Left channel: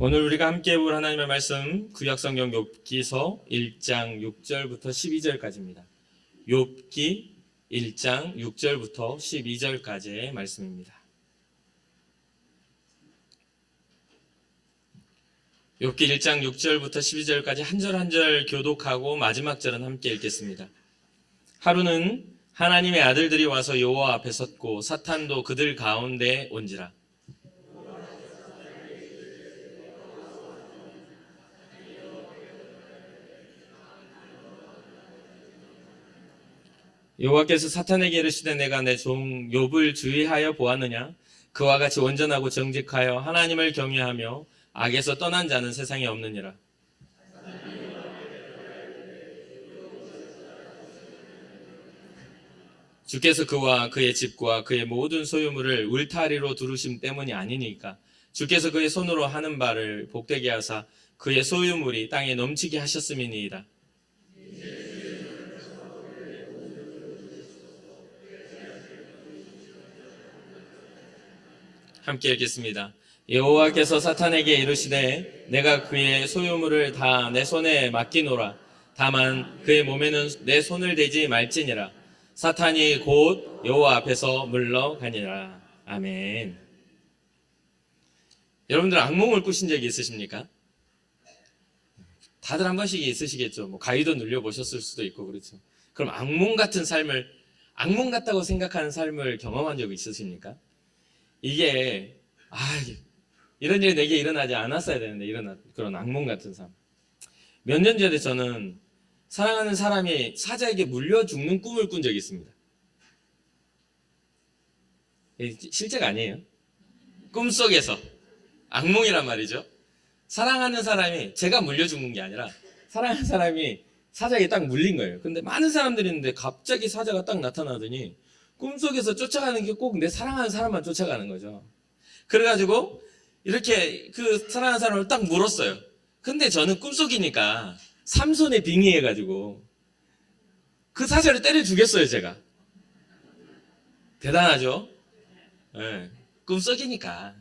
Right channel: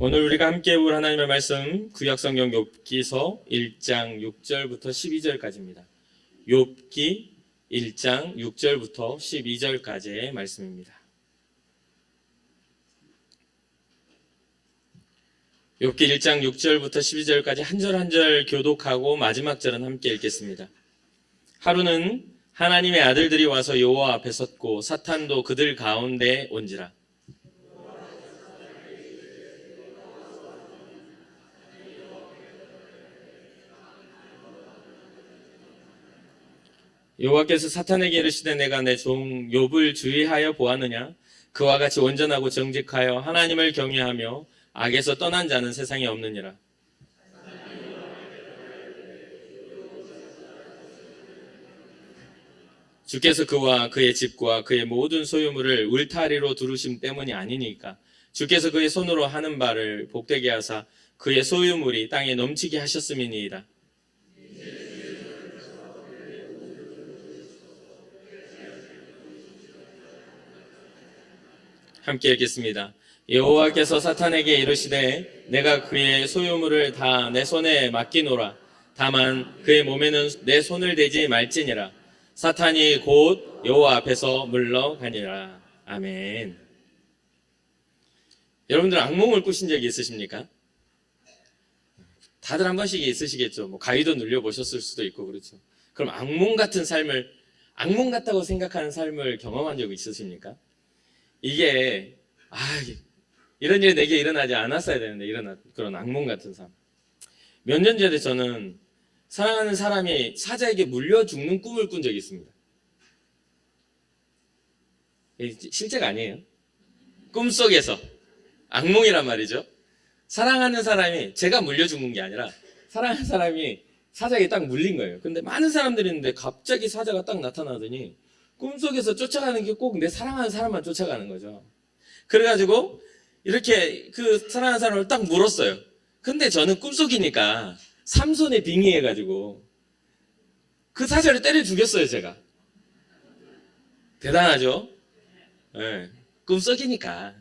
오늘 우리가 함께 볼 하나님의 말씀 구약성경 욥기서 1장 6절부터 12절까지입니다. 욥기 1장 6절부터 12절까지의 말씀입니다. 욥기 1장 6절부터 12절까지 한 절 한 절 교독하고 마지막 절은 함께 읽겠습니다. 하루는 하나님의 아들들이 와서 여호와 앞에 섰고 사탄도 그들 가운데 온지라. 여호와께서 사탄에게 이르시되 내가 내 종 욥을 주의하여 보았느냐? 그와 같이 온전하고 정직하여 하나님을 경외하며 악에서 떠난 자는 세상에 없느니라. 주께서 그와 그의 집과 그의 모든 소유물을 울타리로 두르심 때문이 아니니까 주께서 그의 손으로 하는 바를 복되게 하사 그의 소유물이 땅에 넘치게 하셨음이니이다. 함께 읽겠습니다. 여호와께서 사탄에게 이르시되 내가 그의 소유물을 다 내 손에 맡기노라. 다만 그의 몸에는 내 손을 대지 말지니라. 사탄이 곧 여호와 앞에서 물러가니라. 아멘. 여러분들 악몽을 꾸신 적이 있으십니까? 다들 한 번씩 있으시겠죠. 가위도 눌려보셨을 수도 있고 그렇죠. 그럼 악몽 같은 삶을, 악몽 같다고 생각하는 삶을 경험한 적이 있으십니까? 이게 이런 일이 내게 일어나지 않았어야 되는데 일어난 그런 악몽 같은 삶. 몇 년 전에 저는 사랑하는 사람이 사자에게 물려 죽는 꿈을 꾼 적이 있습니다. 실제가 아니에요. 꿈속에서 악몽이란 말이죠. 사랑하는 사람이 제가 물려 죽는 게 아니라 사랑하는 사람이 사자에게 딱 물린 거예요. 근데 많은 사람들이 있는데 갑자기 사자가 딱 나타나더니 꿈속에서 쫓아가는 게 꼭 내 사랑하는 사람만 쫓아가는 거죠. 그래가지고 이렇게 그 사랑하는 사람을 딱 물었어요. 근데 저는 꿈속이니까 삼손에 빙의해가지고 그 사자를 때려 죽였어요, 제가. 대단하죠? 네. 꿈속이니까.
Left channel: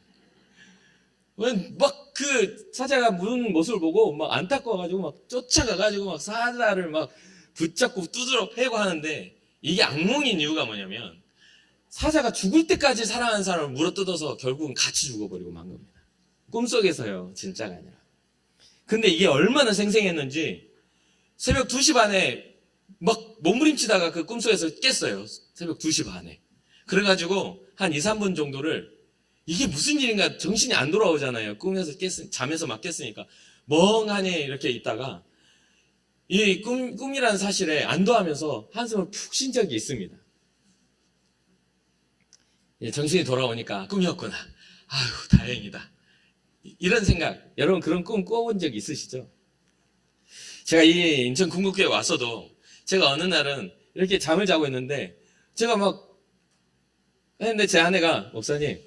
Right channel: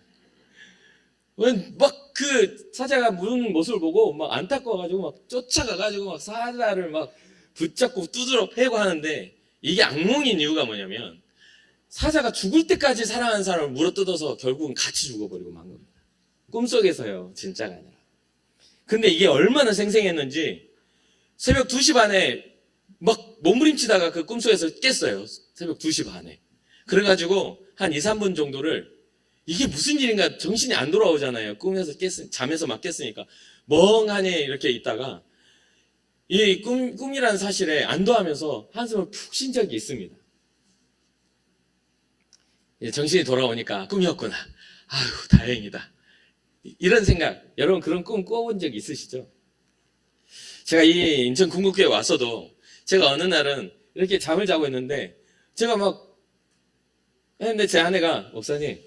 막 그 사자가 무는 모습을 보고 막 안타까워가지고 막 쫓아가가지고 막 사자를 막 붙잡고 두드러 패고 하는데 이게 악몽인 이유가 뭐냐면 사자가 죽을 때까지 사랑하는 사람을 물어뜯어서 결국은 같이 죽어버리고 만 겁니다. 꿈속에서요, 진짜가. 근데 이게 얼마나 생생했는지 새벽 2시 반에 막 몸부림치다가 그 꿈속에서 깼어요. 새벽 2시 반에. 그래가지고 한 2, 3분 정도를 이게 무슨 일인가 정신이 안 돌아오잖아요. 꿈에서 잠에서 막 깼으니까. 멍하니 이렇게 있다가 이 꿈이라는 사실에 안도하면서 한숨을 푹 쉰 적이 있습니다. 정신이 돌아오니까 꿈이었구나. 아유, 다행이다. 이런 생각, 여러분 그런 꿈 꿔본 적 있으시죠? 제가 이 인천 궁극교에 왔어도 제가 어느 날은 이렇게 잠을 자고 있는데 제가 막 했는데 제 아내가 목사님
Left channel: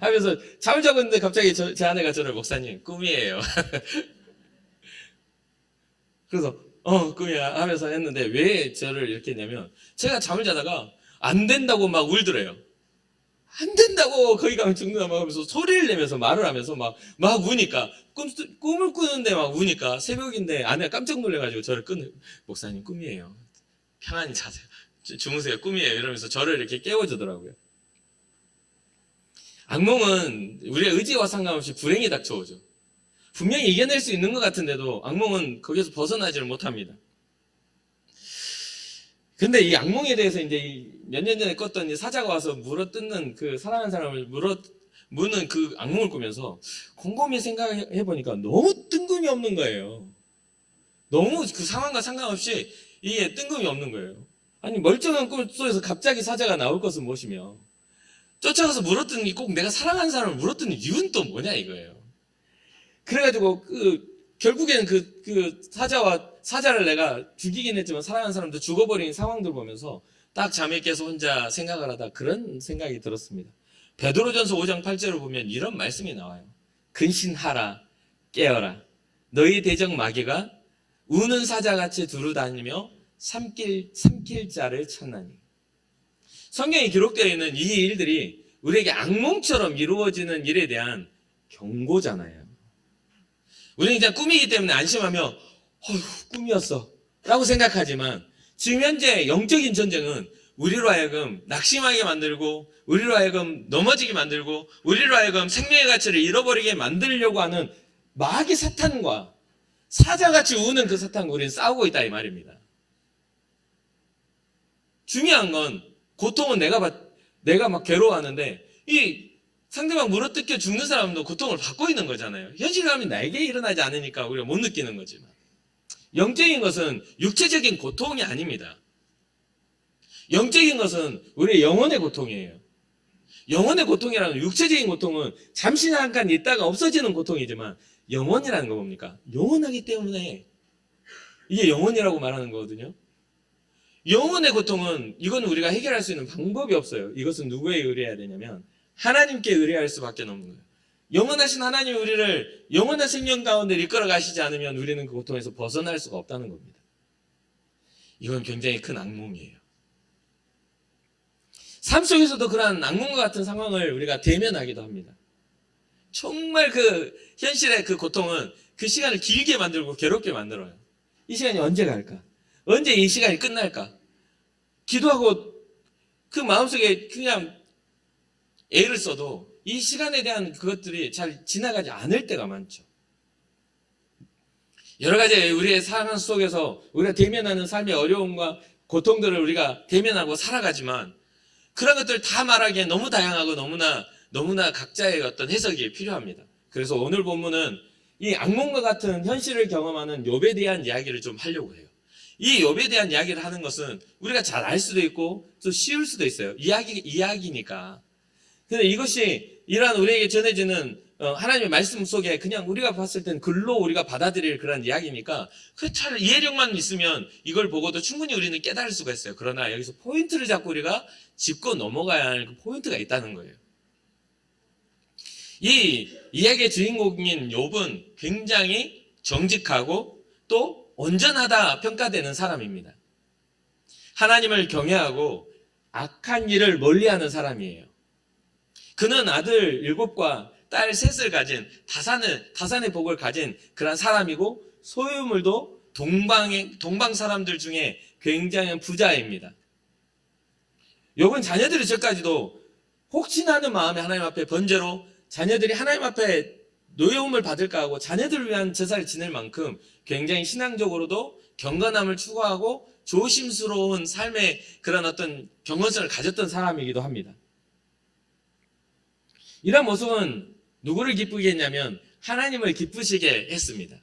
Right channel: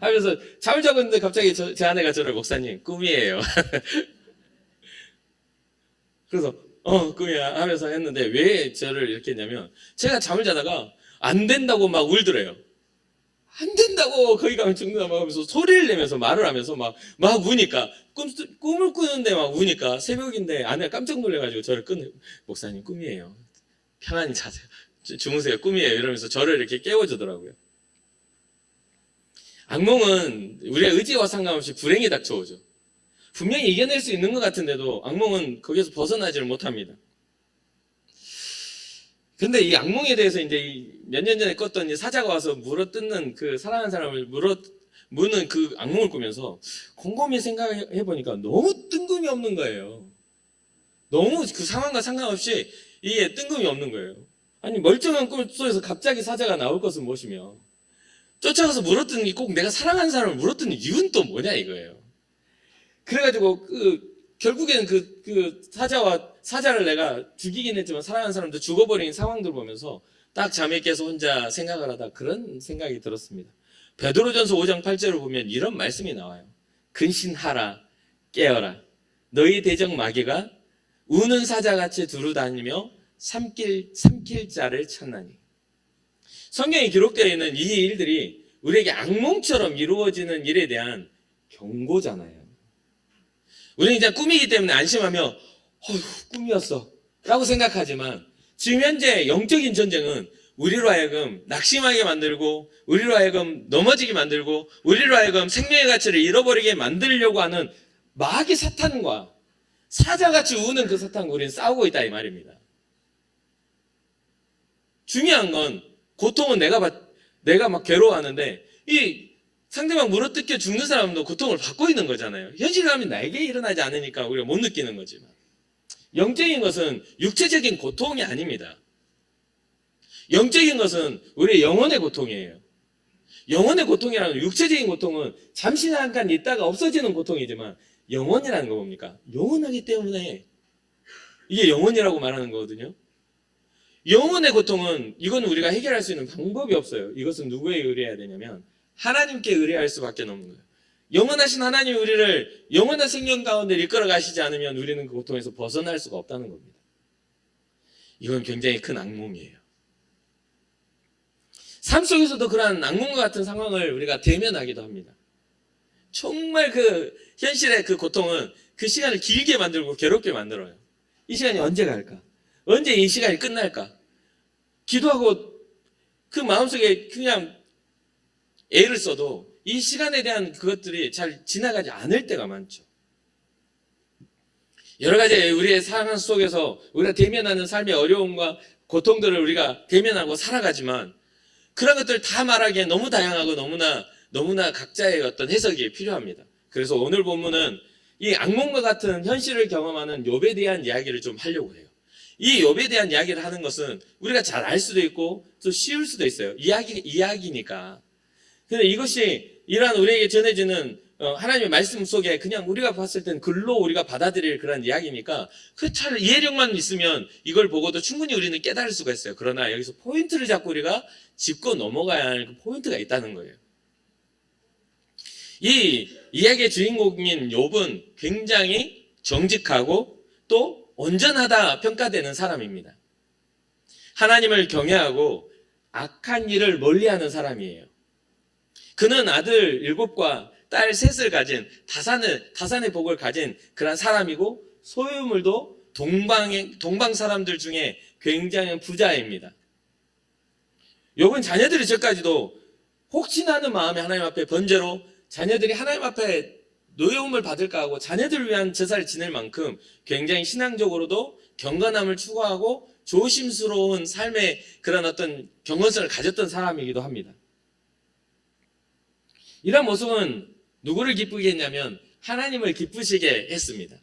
하면서 잠을 자고 있는데 갑자기 제 아내가 저를 목사님 꿈이에요. 그래서 꿈이야 하면서 했는데 왜 저를 이렇게 했냐면 제가 잠을 자다가 안 된다고 막 울더래요. 안 된다고 거기 가면 죽는다고 하면서 소리를 내면서 말을 하면서 막 우니까 꿈을 꾸는데 막 우니까 새벽인데 아내가 깜짝 놀래가지고 저를 목사님 꿈이에요. 편안히 자세요. 주무세요. 꿈이에요. 이러면서 저를 이렇게 깨워주더라고요. 악몽은 우리의 의지와 상관없이 불행이 닥쳐오죠. 분명히 이겨낼 수 있는 것 같은데도 악몽은 거기서 벗어나지를 못합니다. 근데 이 악몽에 대해서 이제 몇 년 전에 꿨던 이 사자가 와서 물어뜯는 그 사랑하는 사람을 무는 그 악몽을 꾸면서 곰곰이 생각해보니까 너무 뜬금이 없는 거예요. 너무 그 상황과 상관없이 이게 뜬금이 없는 거예요. 아니 멀쩡한 꿈 속에서 갑자기 사자가 나올 것은 무엇이며 쫓아가서 물어뜯는 게 꼭 내가 사랑하는 사람을 물어뜯는 이유는 또 뭐냐 이거예요. 그래가지고 결국에는 그 사자를 내가 죽이긴 했지만 사랑하는 사람도 죽어버린 상황들 보면서 딱 잠에 깨서 혼자 생각을 하다 그런 생각이 들었습니다. 베드로전서 5장 8절을 보면 이런 말씀이 나와요. 근신하라 깨어라 너희 대적 마귀가 우는 사자같이 두루다니며 삼킬 자를 찾나니. 성경에 기록되어 있는 이 일들이 우리에게 악몽처럼 이루어지는 일에 대한 경고잖아요. 우리는 그냥 꿈이기 때문에 안심하며 꿈이었어 라고 생각하지만 지금 현재 영적인 전쟁은 우리로 하여금 낙심하게 만들고 우리로 하여금 넘어지게 만들고 우리로 하여금 생명의 가치를 잃어버리게 만들려고 하는 마귀 사탄과 사자같이 우는 그 사탄과 우리는 싸우고 있다 이 말입니다. 중요한 건 고통은 내가 막 괴로워하는데 이 상대방 물어뜯겨 죽는 사람도 고통을 받고 있는 거잖아요. 현실감이 나에게 일어나지 않으니까 우리가 못 느끼는 거지만 영적인 것은 육체적인 고통이 아닙니다. 영적인 것은 우리의 영혼의 고통이에요. 영혼의 고통이라는 육체적인 고통은 잠시 잠깐 있다가 없어지는 고통이지만 영혼이라는 거 뭡니까? 영원하기 때문에 이게 영혼이라고 말하는 거거든요. 영혼의 고통은 이건 우리가 해결할 수 있는 방법이 없어요. 이것은 누구에 의뢰해야 되냐면 하나님께 의뢰할 수밖에 없는 거예요. 영원하신 하나님이 우리를 영원한 생명 가운데 이끌어 가시지 않으면 우리는 그 고통에서 벗어날 수가 없다는 겁니다. 이건 굉장히 큰 악몽이에요. 삶 속에서도 그러한 악몽과 같은 상황을 우리가 대면하기도 합니다. 정말 그 현실의 그 고통은 그 시간을 길게 만들고 괴롭게 만들어요. 이 시간이 언제 갈까? 언제 이 시간이 끝날까? 기도하고 그 마음속에 그냥 애를 써도 이 시간에 대한 그것들이 잘 지나가지 않을 때가 많죠. 여러 가지 우리의 상황 속에서 우리가 대면하는 삶의 어려움과 고통들을 우리가 대면하고 살아가지만 그런 것들 다 말하기에 너무 다양하고 너무나 각자의 어떤 해석이 필요합니다. 그래서 오늘 본문은 이 악몽과 같은 현실을 경험하는 욥에 대한 이야기를 좀 하려고 해요. 이 욥에 대한 이야기를 하는 것은 우리가 잘 알 수도 있고 또 쉬울 수도 있어요. 이야기니까. 근데 이것이 이러한 우리에게 전해지는 하나님의 말씀 속에 그냥 우리가 봤을 땐 글로 우리가 받아들일 그런 이야기니까 그 잘 이해력만 있으면 이걸 보고도 충분히 우리는 깨달을 수가 있어요. 그러나 여기서 포인트를 잡고 우리가 짚고 넘어가야 할 그 포인트가 있다는 거예요. 이 이야기의 주인공인 욥은 굉장히 정직하고 또 온전하다 평가되는 사람입니다. 하나님을 경외하고 악한 길을 멀리하는 사람이에요. 그는 아들 7과 딸 3을 가진 다산의 복을 가진 그런 사람이고 소유물도 동방 사람들 중에 굉장히 부자입니다. 욥은 자녀들이 저까지도 혹시나 하는 마음에 하나님 앞에 번제로 자녀들이 하나님 앞에 노여움을 받을까 하고 자녀들을 위한 제사를 지낼 만큼 굉장히 신앙적으로도 경건함을 추구하고 조심스러운 삶의 그런 어떤 경건성을 가졌던 사람이기도 합니다. 이런 모습은 누구를 기쁘게 했냐면 하나님을 기쁘시게 했습니다.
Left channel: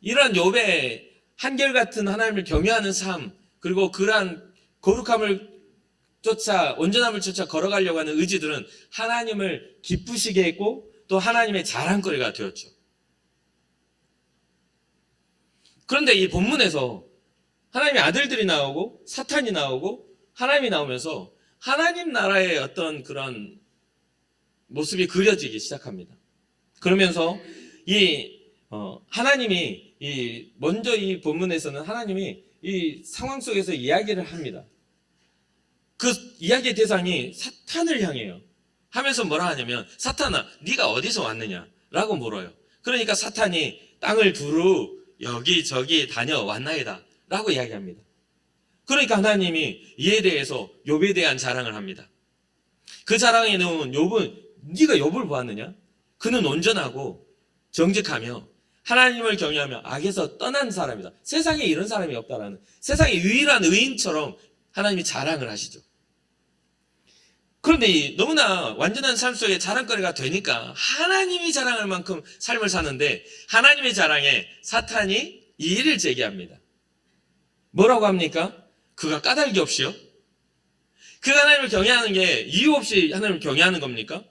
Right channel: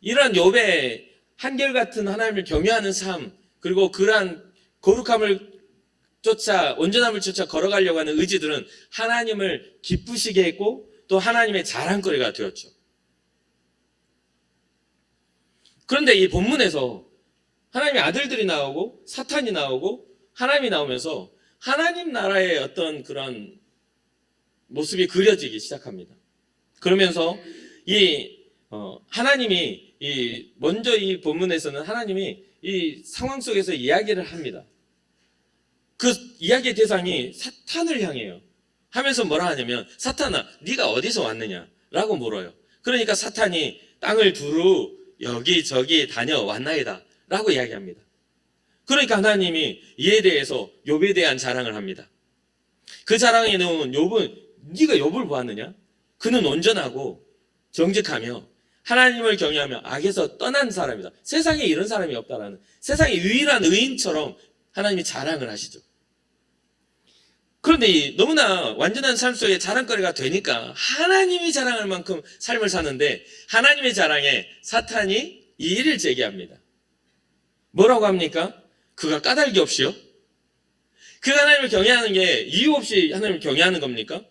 이런 욥의 한결같은 하나님을 경외하는 삶 그리고 그러한 거룩함을 쫓아 온전함을 쫓아 걸어가려고 하는 의지들은 하나님을 기쁘시게 했고 또 하나님의 자랑거리가 되었죠. 그런데 이 본문에서 하나님의 아들들이 나오고 사탄이 나오고 하나님이 나오면서 하나님 나라의 어떤 그런 모습이 그려지기 시작합니다. 그러면서 하나님이 먼저 이 본문에서는 하나님이 이 상황 속에서 이야기를 합니다. 그 이야기의 대상이 사탄을 향해요. 하면서 뭐라 하냐면 사탄아 네가 어디서 왔느냐라고 물어요. 그러니까 사탄이 땅을 두루 여기저기 다녀왔나이다 라고 이야기합니다. 그러니까 하나님이 이에 대해서 욥에 대한 자랑을 합니다. 그 자랑에 나오는 욥은 네가 욥을 보았느냐? 그는 온전하고 정직하며 하나님을 경외하며 악에서 떠난 사람이다. 세상에 이런 사람이 없다라는 세상의 유일한 의인처럼 하나님이 자랑을 하시죠. 그런데 너무나 완전한 삶 속에 자랑거리가 되니까 하나님이 자랑할 만큼 삶을 사는데 하나님의 자랑에 사탄이 이의를 제기합니다. 뭐라고 합니까? 그가 까닭이 없이요? 그가 하나님을 경외하는 게 이유 없이 하나님을 경외하는 겁니까?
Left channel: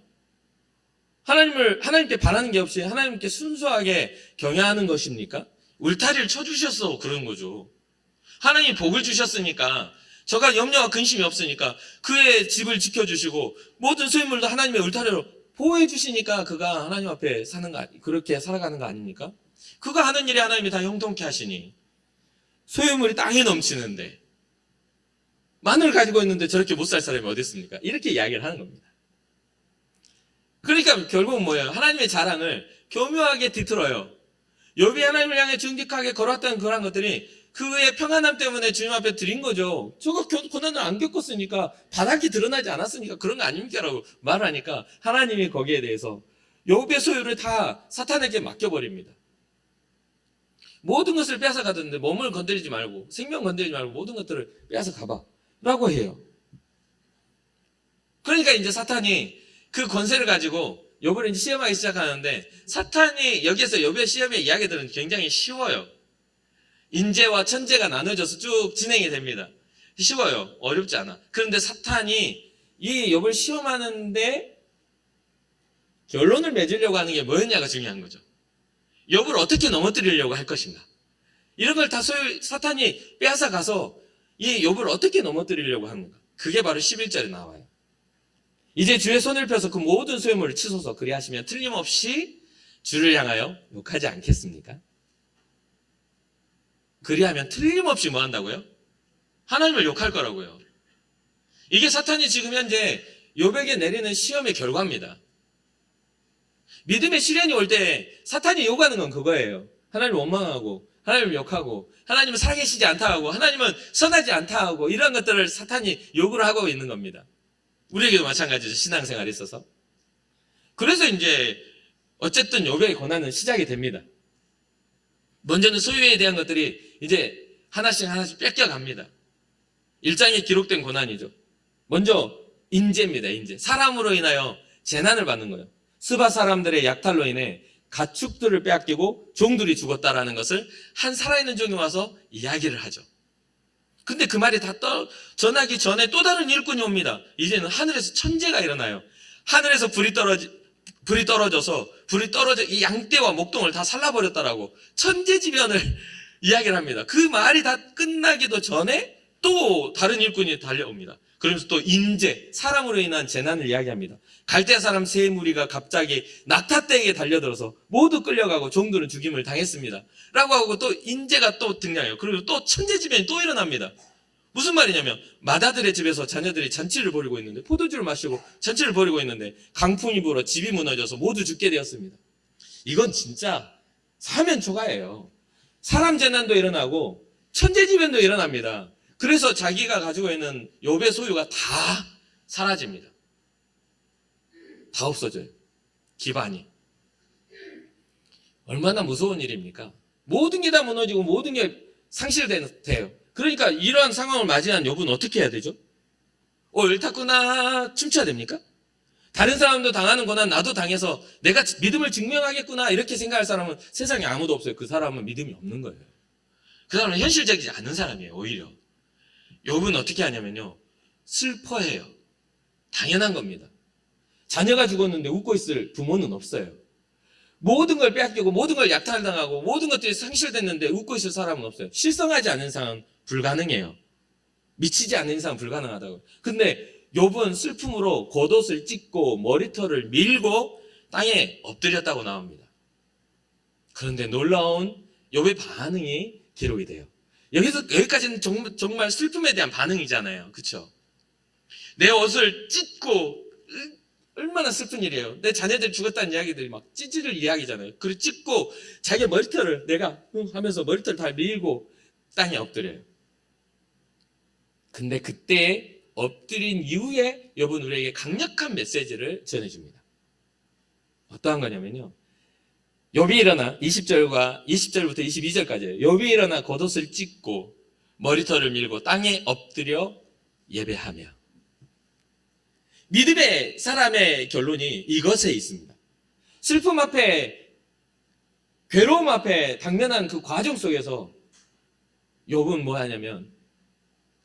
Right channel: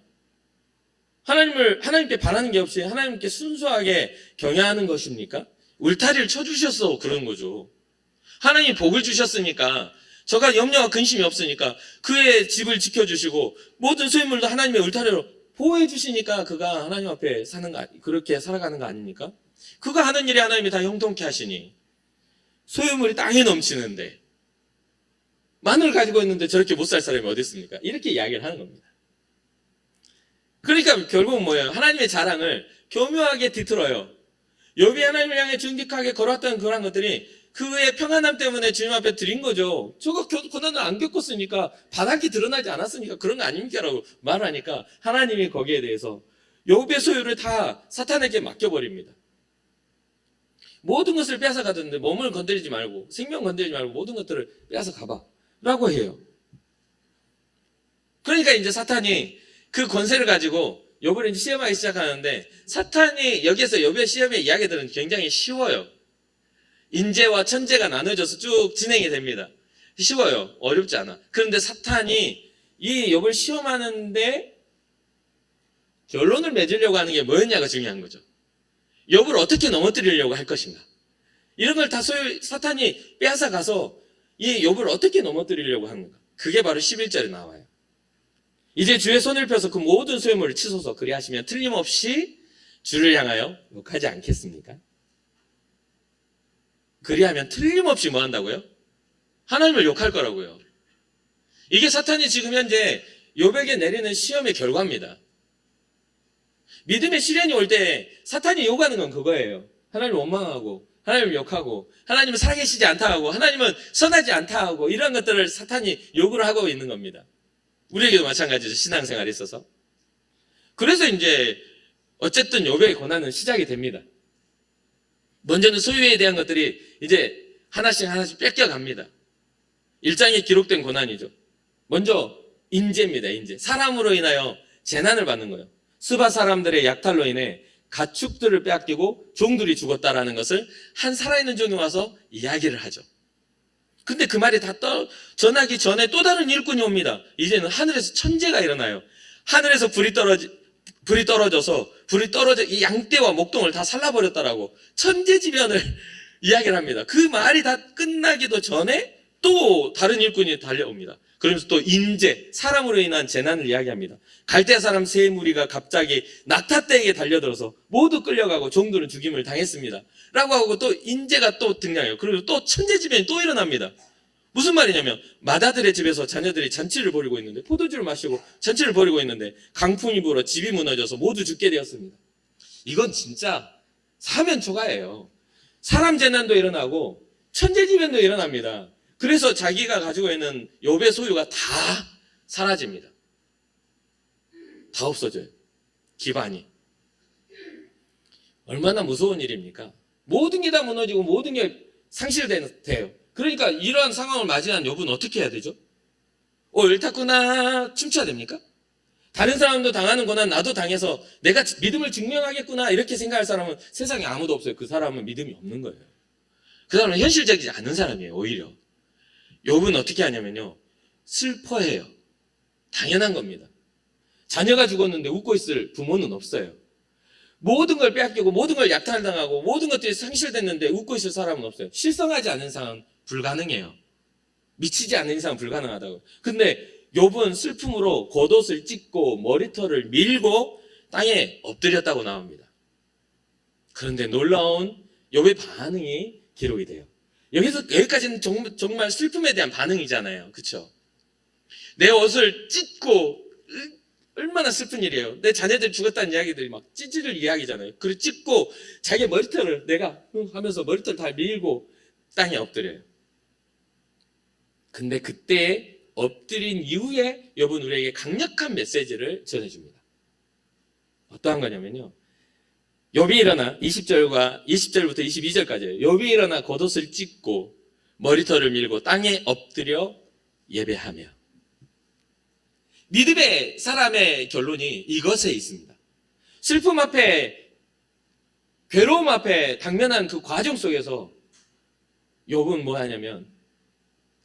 하나님께 바라는 게 없이 하나님께 순수하게 경외하는 것입니까? 울타리를 쳐주셔서 그런 거죠. 하나님이 복을 주셨으니까 저가 염려와 근심이 없으니까 그의 집을 지켜주시고 모든 소유물도 하나님의 울타리로 보호해 주시니까 그가 하나님 앞에 그렇게 살아가는 거 아닙니까? 그가 하는 일이 하나님이 다 형통케 하시니 소유물이 땅에 넘치는데 마늘 가지고 있는데 저렇게 못 살 사람이 어디 있습니까? 이렇게 이야기를 하는 겁니다. 그러니까 결국은 뭐예요? 하나님의 자랑을 교묘하게 뒤틀어요. 욥이 하나님을 향해 정직하게 걸어왔던 그런 것들이 그의 평안함 때문에 주님 앞에 드린 거죠. 저거 고난을 안 겪었으니까, 바닥이 드러나지 않았으니까 그런 거 아닙니까? 라고 말하니까 하나님이 거기에 대해서 욥의 소유를 다 사탄에게 맡겨버립니다. 모든 것을 뺏어가던데 몸을 건드리지 말고, 생명 건드리지 말고 모든 것들을 뺏어가봐 라고 해요. 그러니까 이제 사탄이 그 권세를 가지고 욥을 이제 시험하기 시작하는데, 사탄이 여기에서 욥의 시험의 이야기들은 굉장히 쉬워요. 인재와 천재가 나눠져서 쭉 진행이 됩니다. 쉬워요. 어렵지 않아. 그런데 사탄이 이 욥을 시험하는데 결론을 맺으려고 하는 게 뭐였냐가 중요한 거죠. 욥을 어떻게 넘어뜨리려고 할 것인가. 이런 걸 다 사탄이 빼앗아 가서 이 욥을 어떻게 넘어뜨리려고 하는가. 그게 바로 11절에 나와요. 이제 주의 손을 펴서 그 모든 소유물을 치소서. 그리하시면 틀림없이 주를 향하여 욕하지 않겠습니까? 그리하면 틀림없이 뭐 한다고요? 하나님을 욕할 거라고요. 이게 사탄이 지금 현재 욥에게 내리는 시험의 결과입니다. 믿음의 시련이 올 때 사탄이 요구하는 건 그거예요. 하나님을 원망하고, 하나님을 욕하고, 하나님은 살아계시지 않다 하고, 하나님은 선하지 않다 하고, 이런 것들을 사탄이 요구를 하고 있는 겁니다. 우리에게도 마찬가지죠. 신앙생활에 있어서. 그래서 이제 어쨌든 욥의 고난은 시작이 됩니다. 먼저는 소유에 대한 것들이 이제 하나씩 뺏겨갑니다. 1장에 기록된 고난이죠. 먼저 인재입니다. 인재. 사람으로 인하여 재난을 받는 거예요. 스바 사람들의 약탈로 인해 가축들을 빼앗기고 종들이 죽었다라는 것을 한 살아있는 종이 와서 이야기를 하죠. 근데 그 말이 다 전하기 전에 또 다른 일꾼이 옵니다. 이제는 하늘에서 천재가 일어나요. 하늘에서 불이 떨어져서 이 양떼와 목동을 다 살라버렸다라고 천재지변을 이야기를 합니다. 그 말이 다 끝나기도 전에 또 다른 일꾼이 달려옵니다. 그러면서 또 인재, 사람으로 인한 재난을 이야기합니다. 갈대아 사람 세 무리가 갑자기 낙타떼기에 달려들어서 모두 끌려가고 종들은 죽임을 당했습니다. 라고 하고 또 인재가 또 등장해요. 그리고 또 천재지변이 또 일어납니다. 무슨 말이냐면 마다들의 집에서 자녀들이 잔치를 벌이고 있는데, 포도주를 마시고 잔치를 벌이고 있는데 강풍이 불어 집이 무너져서 모두 죽게 되었습니다. 이건 진짜 사면 초가예요. 사람 재난도 일어나고 천재지변도 일어납니다. 그래서 자기가 가지고 있는 욥의 소유가 다 사라집니다. 다 없어져요. 기반이. 얼마나 무서운 일입니까? 모든 게 다 무너지고 모든 게 상실돼요. 그러니까 이러한 상황을 맞이한 욥은 어떻게 해야 되죠? 옳다구나 춤춰야 됩니까? 다른 사람도 당하는 고난 나도 당해서 내가 믿음을 증명하겠구나 이렇게 생각할 사람은 세상에 아무도 없어요. 그 사람은 믿음이 없는 거예요. 그 사람은 현실적이지 않은 사람이에요. 오히려 욥은 어떻게 하냐면요, 슬퍼해요. 당연한 겁니다. 자녀가 죽었는데 웃고 있을 부모는 없어요. 모든 걸 빼앗기고 모든 걸 약탈당하고 모든 것들이 상실됐는데 웃고 있을 사람은 없어요. 실성하지 않은 이상은 불가능해요. 미치지 않는 이상은 불가능하다고. 근데 욥은 슬픔으로 겉옷을 찢고 머리털을 밀고 땅에 엎드렸다고 나옵니다. 그런데 놀라운 욥의 반응이 기록이 돼요. 여기까지는 정말 슬픔에 대한 반응이잖아요. 그렇죠? 내 옷을 찢고, 얼마나 슬픈 일이에요. 내 자녀들이 죽었다는 이야기들이 막 찢을 이야기잖아요. 그리고 찢고 자기 머리털을 내가 하면서 머리털 다 밀고 땅에 엎드려요. 근데 그때 엎드린 이후에 욥은 우리에게 강력한 메시지를 전해줍니다. 어떠한 거냐면요, 욥이 일어나 20절부터 22절까지예요. 욥이 일어나 겉옷을 찢고 머리털을 밀고 땅에 엎드려 예배하며. 믿음의 사람의 결론이 이것에 있습니다. 슬픔 앞에, 괴로움 앞에 당면한 그 과정 속에서 욥은 뭐 하냐면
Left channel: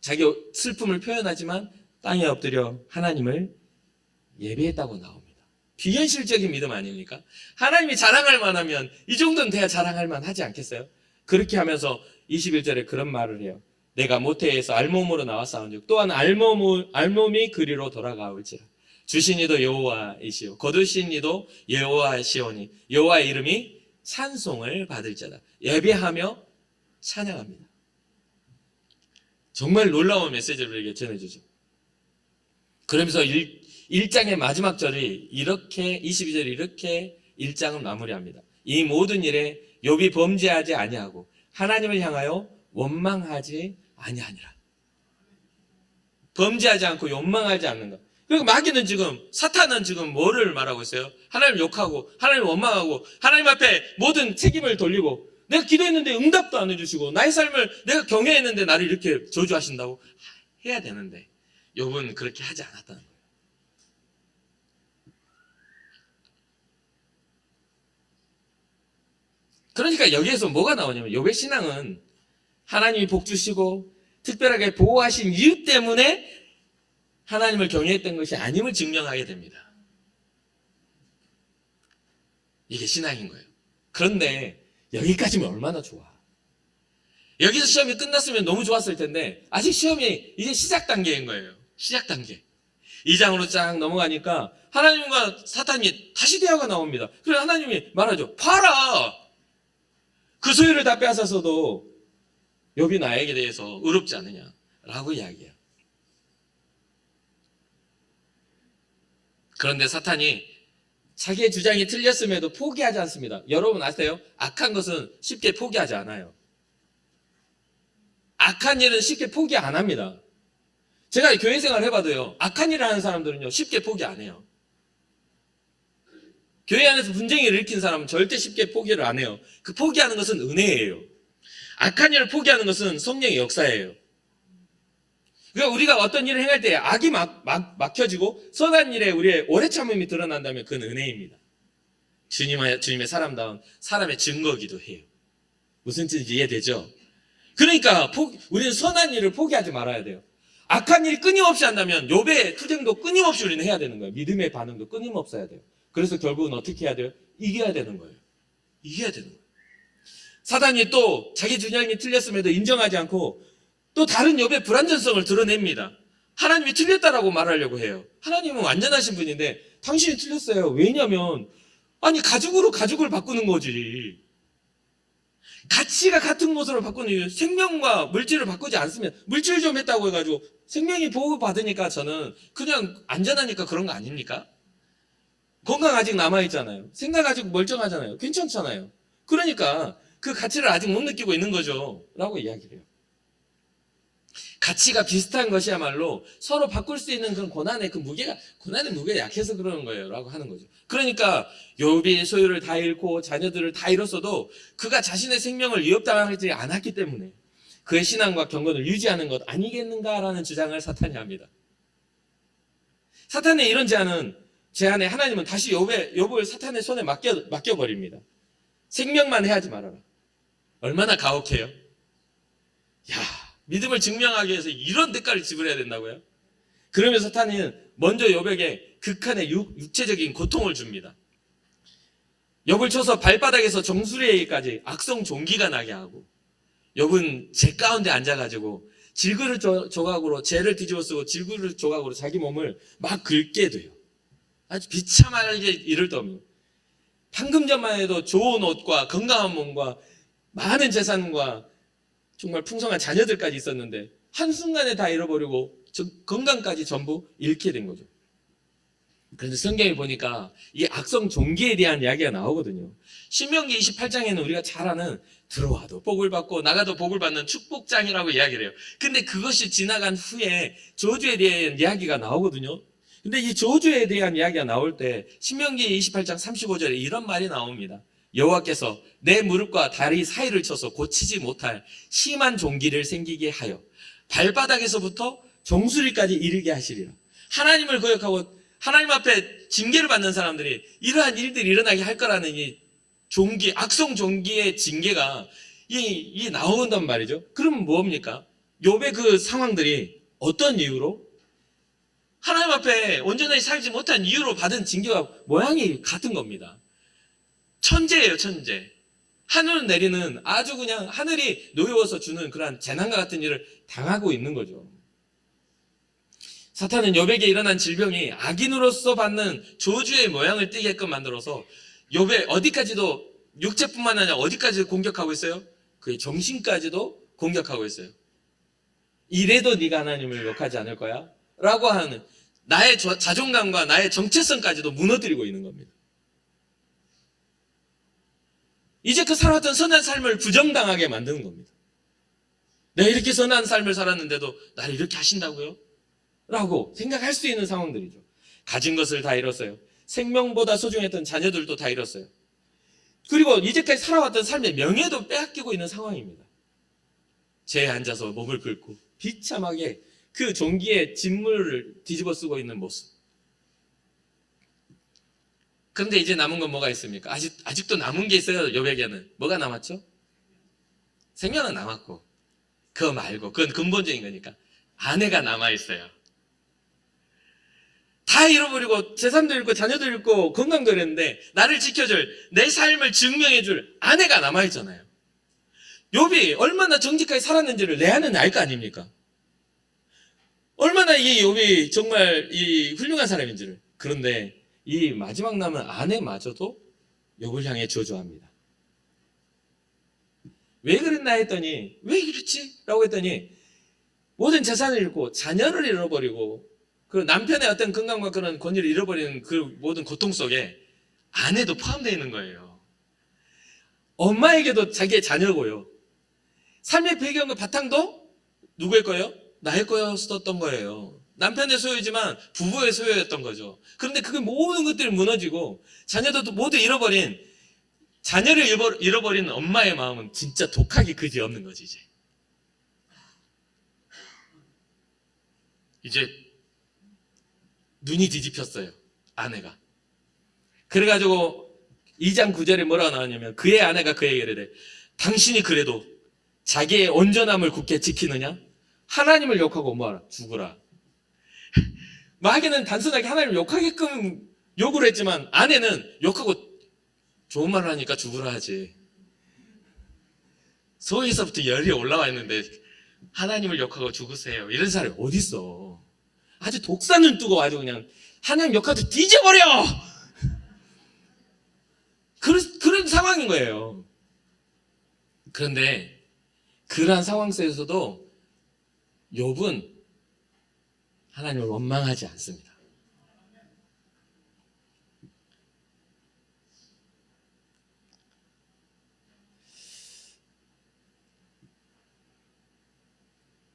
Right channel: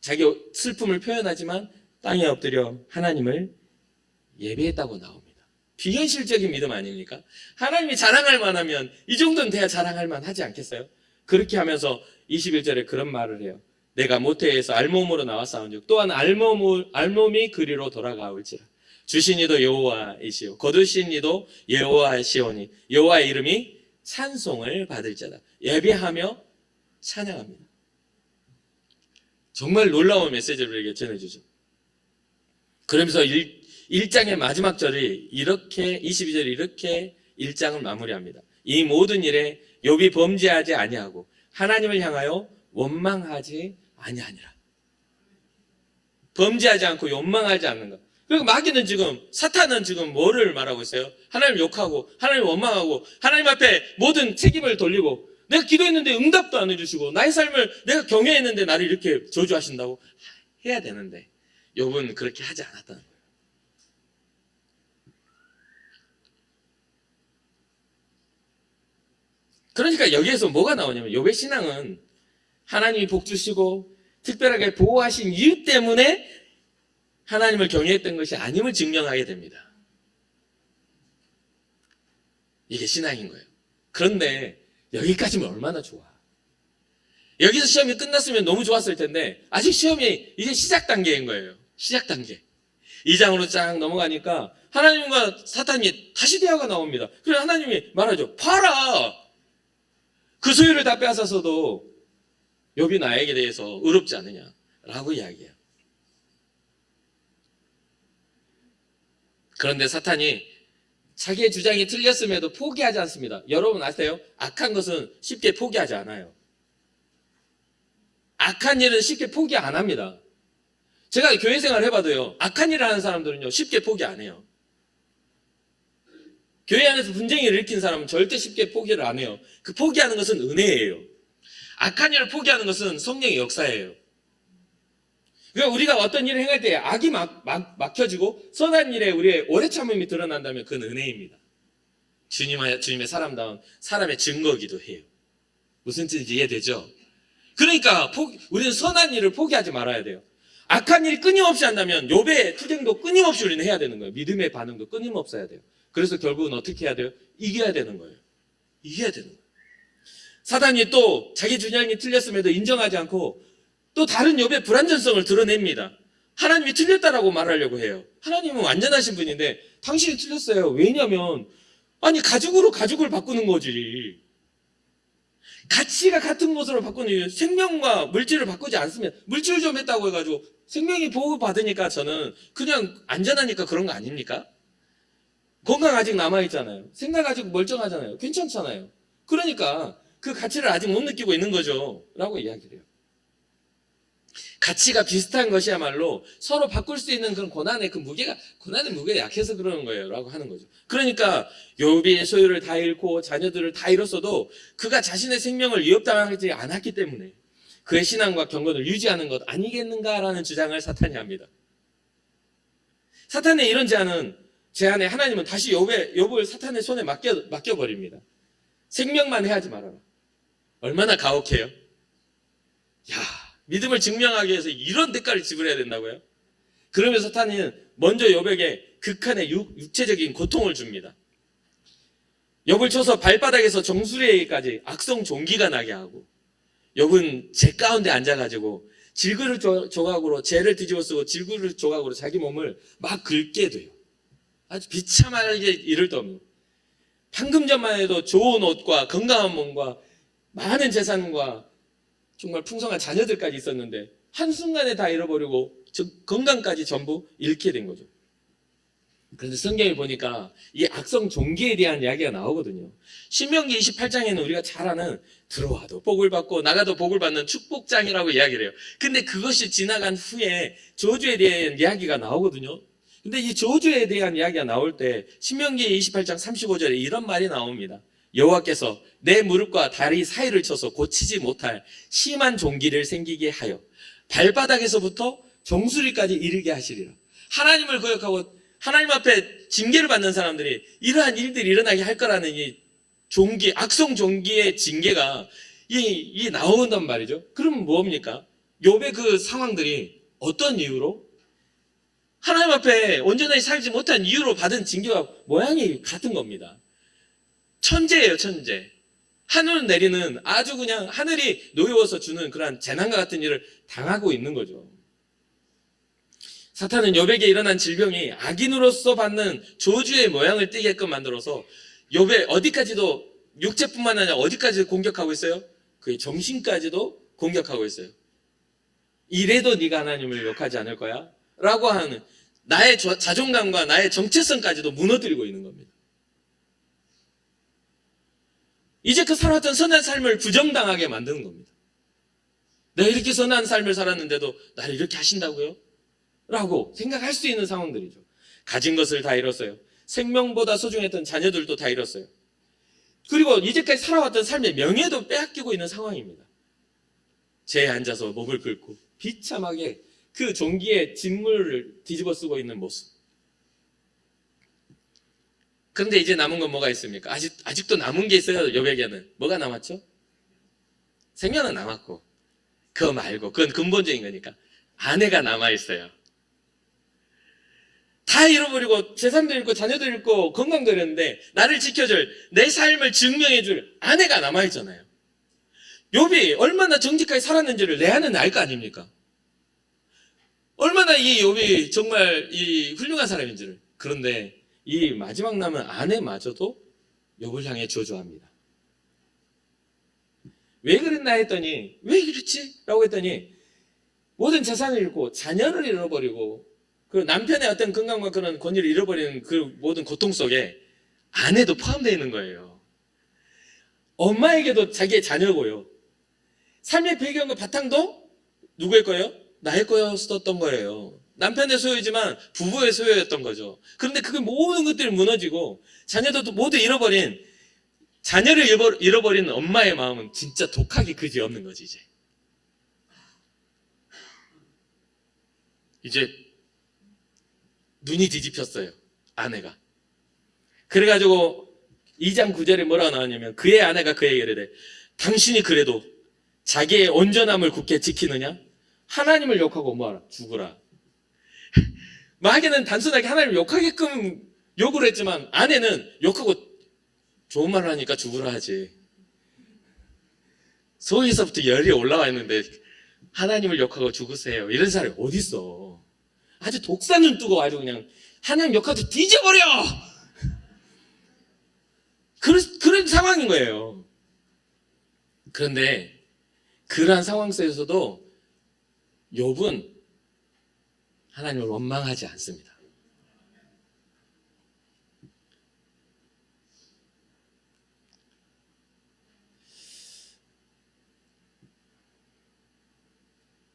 자기 슬픔을 표현하지만 땅에 엎드려 하나님을 예배했다고 나옵니다. 비현실적인 믿음 아닙니까? 하나님이 자랑할 만하면 이 정도는 돼야 자랑할 만하지 않겠어요? 그렇게 하면서 21절에 그런 말을 해요. 내가 모태에서 알몸으로 나왔사온즉 또한 알몸이 그리로 돌아가올지라. 주신 이도 여호와이시오 거두신 이도 여호와시오니 여호와의 이름이 찬송을 받을 자다. 예배하며 찬양합니다. 정말 놀라운 메시지를 우리에게 전해주죠. 그러면서 1장의 마지막 절이 이렇게 22절이 이렇게 1장을 마무리합니다. 이 모든 일에 욥이 범죄하지 아니하고 하나님을 향하여 원망하지 아니하니라. 범죄하지 않고 원망하지 않는다. 그리고 마귀는 지금, 사탄은 지금 뭐를 말하고 있어요? 하나님 욕하고 하나님 원망하고 하나님 앞에 모든 책임을 돌리고, 내가 기도했는데 응답도 안 해주시고 나의 삶을 내가 경외했는데 나를 이렇게 저주하신다고 해야 되는데 욥은 그렇게 하지 않았다. 그러니까 여기에서 뭐가 나오냐면, 욥의 신앙은 하나님이 복 주시고 특별하게 보호하신 이유 때문에 하나님을 경외했던 것이 아님을 증명하게 됩니다. 이게 신앙인 거예요. 그런데 여기까지면 얼마나 좋아. 여기서 시험이 끝났으면 너무 좋았을 텐데 아직 시험이 이제 시작 단계인 거예요. 시작 단계. 2장으로 쫙 넘어가니까 하나님과 사탄이 다시 대화가 나옵니다. 그래서 하나님이 말하죠. 봐라, 그 소유를 다 빼앗아서도 욥이 나에게 대해서 의롭지 않느냐라고 이야기해요. 그런데 사탄이 자기의 주장이 틀렸음에도 포기하지 않습니다. 여러분 아세요? 악한 것은 쉽게 포기하지 않아요. 악한 일은 쉽게 포기 안 합니다. 제가 교회 생활을 해봐도요, 악한 일을 하는 사람들은요 쉽게 포기 안 해요. 교회 안에서 분쟁을 일으킨 사람은 절대 쉽게 포기를 안 해요. 그 포기하는 것은 은혜예요. 악한 일을 포기하는 것은 성령의 역사예요. 그러니까 우리가 어떤 일을 행할 때 악이 막혀지고 선한 일에 우리의 오래 참음이 드러난다면 그건 은혜입니다. 주님의 사람다운 사람의 증거기도 해요. 무슨 뜻인지 이해되죠? 그러니까 우리는 선한 일을 포기하지 말아야 돼요. 악한 일이 끊임없이 한다면 욥의 투쟁도 끊임없이 우리는 해야 되는 거예요. 믿음의 반응도 끊임없이 해야 돼요. 그래서 결국은 어떻게 해야 돼요? 이겨야 되는 거예요. 이겨야 되는 거예요. 사단이 또 자기 주장이 틀렸음에도 인정하지 않고 또 다른 욥의 불완전성을 드러냅니다. 하나님이 틀렸다라고 말하려고 해요. 하나님은 완전하신 분인데 당신이 틀렸어요. 왜냐면 아니 가죽으로 가죽을 바꾸는 거지. 가치가 같은 것으로 바꾸는 이유, 생명과 물질을 바꾸지 않으면 물질 좀 했다고 해가지고 생명이 보호받으니까 저는 그냥 안전하니까 그런 거 아닙니까? 건강 아직 남아있잖아요. 생각 아직 멀쩡하잖아요. 괜찮잖아요. 그러니까 그 가치를 아직 못 느끼고 있는 거죠. 라고 이야기해요. 가치가 비슷한 것이야말로 서로 바꿀 수 있는 그 고난의 무게가 약해서 그러는 거예요. 라고 하는 거죠. 그러니까 욥이 소유를 다 잃고 자녀들을 다 잃었어도 그가 자신의 생명을 위협당하지 않았기 때문에 그의 신앙과 경건을 유지하는 것 아니겠는가라는 주장을 사탄이 합니다. 사탄의 이런 제안에 하나님은 다시 욥을 사탄의 손에 맡겨버립니다. 생명만 해하지 말아라. 얼마나 가혹해요. 믿음을 증명하기 위해서 이런 대가를 지불해야 된다고요? 그러면서 사탄은 먼저 욥에게 극한의 육체적인 고통을 줍니다. 욥을 쳐서 발바닥에서 정수리에까지 악성 종기가 나게 하고, 욥은 재 가운데 앉아가지고 질그릇 조각으로 재를 뒤집어 쓰고 질그릇 조각으로 자기 몸을 막 긁게 돼요. 아주 비참하게 이를 떠옵니다. 방금 전만 해도 좋은 옷과 건강한 몸과 많은 재산과 정말 풍성한 자녀들까지 있었는데 한순간에 다 잃어버리고 건강까지 전부 잃게 된 거죠. 그런데 성경에 보니까 이 악성 종기에 대한 이야기가 나오거든요. 신명기 28장에는 우리가 잘 아는 들어와도 복을 받고 나가도 복을 받는 축복장이라고 이야기를 해요. 근데 그것이 지나간 후에 저주에 대한 이야기가 나오거든요. 근데 이 저주에 대한 이야기가 나올 때 신명기 28장 35절에 이런 말이 나옵니다. 여호와께서 내 무릎과 다리 사이를 쳐서 고치지 못할 심한 종기를 생기게 하여 발바닥에서부터 정수리까지 이르게 하시리라. 하나님을 거역하고 하나님 앞에 징계를 받는 사람들이 이러한 일들이 일어나게 할 거라는 이 종기, 악성 종기의 징계가 이 나온단 말이죠. 그럼 뭡니까? 욥의 그 상황들이 어떤 이유로? 하나님 앞에 온전히 살지 못한 이유로 받은 징계가 모양이 같은 겁니다. 천재예요, 천재. 하늘 내리는 아주 그냥 하늘이 놓여서 주는 그러한 재난과 같은 일을 당하고 있는 거죠. 사탄은 욥에게 일어난 질병이 악인으로서 받는 저주의 모양을 띠게끔 만들어서 욥의 어디까지도 육체뿐만 아니라 어디까지 공격하고 있어요? 그의 정신까지도 공격하고 있어요. 이래도 네가 하나님을 욕하지 않을 거야? 라고 하는 나의 자존감과 나의 정체성까지도 무너뜨리고 있는 겁니다. 이제 그 살아왔던 선한 삶을 부정당하게 만드는 겁니다. 내가 이렇게 선한 삶을 살았는데도 나를 이렇게 하신다고요? 라고 생각할 수 있는 상황들이죠. 가진 것을 다 잃었어요. 생명보다 소중했던 자녀들도 다 잃었어요. 그리고 이제까지 살아왔던 삶의 명예도 빼앗기고 있는 상황입니다. 제에 앉아서 몸을 긁고 비참하게 그 종기의 진물을 뒤집어 쓰고 있는 모습. 그런데 이제 남은 건 뭐가 있습니까? 아직도 남은 게 있어요. 욥에게는. 뭐가 남았죠? 생명은 남았고, 그거 말고, 그건 근본적인 거니까 아내가 남아있어요. 다 잃어버리고 재산도 잃고 자녀도 잃고 건강도 잃었는데 나를 지켜줄, 내 삶을 증명해줄 아내가 남아있잖아요. 욥이 얼마나 정직하게 살았는지를 레아는 알 거 아닙니까? 얼마나 이 욥이 정말 이 훌륭한 사람인지를. 그런데 이 마지막 남은 아내마저도 욥을 향해 저주합니다. 왜 그랬나 했더니, 왜 이랬지? 라고 했더니 모든 재산을 잃고 자녀를 잃어버리고 그 남편의 어떤 건강과 그런 권위를 잃어버리는 그 모든 고통 속에 아내도 포함되어 있는 거예요. 엄마에게도 자기의 자녀고요. 삶의 배경과 바탕도 누구의 거예요? 나의 거였었던 거예요. 남편의 소유지만 부부의 소유였던 거죠. 그런데 그 모든 것들이 무너지고 자녀도 모두 잃어버린, 자녀를 잃어버린 엄마의 마음은 진짜 독하기 그지 없는 거지. 이제 눈이 뒤집혔어요. 아내가. 그래가지고 2장 9절에 뭐라고 나왔냐면, 그의 아내가 그에게 이르되 당신이 그래도 자기의 온전함을 굳게 지키느냐? 하나님을 욕하고 뭐하라? 죽으라. 마귀는 단순하게 하나님을 욕하게끔 욕을 했지만 아내는 욕하고 좋은 말을 하니까 죽으라 하지. 소에서부터 열이 올라와 있는데 하나님을 욕하고 죽으세요. 이런 사람이 어디 있어? 아주 독사눈 뜨고 아주 그냥 하나님 욕하고 뒤져버려! 그런 상황인 거예요. 그런데 그러한 상황 속에서도 욥은 하나님을 원망하지 않습니다.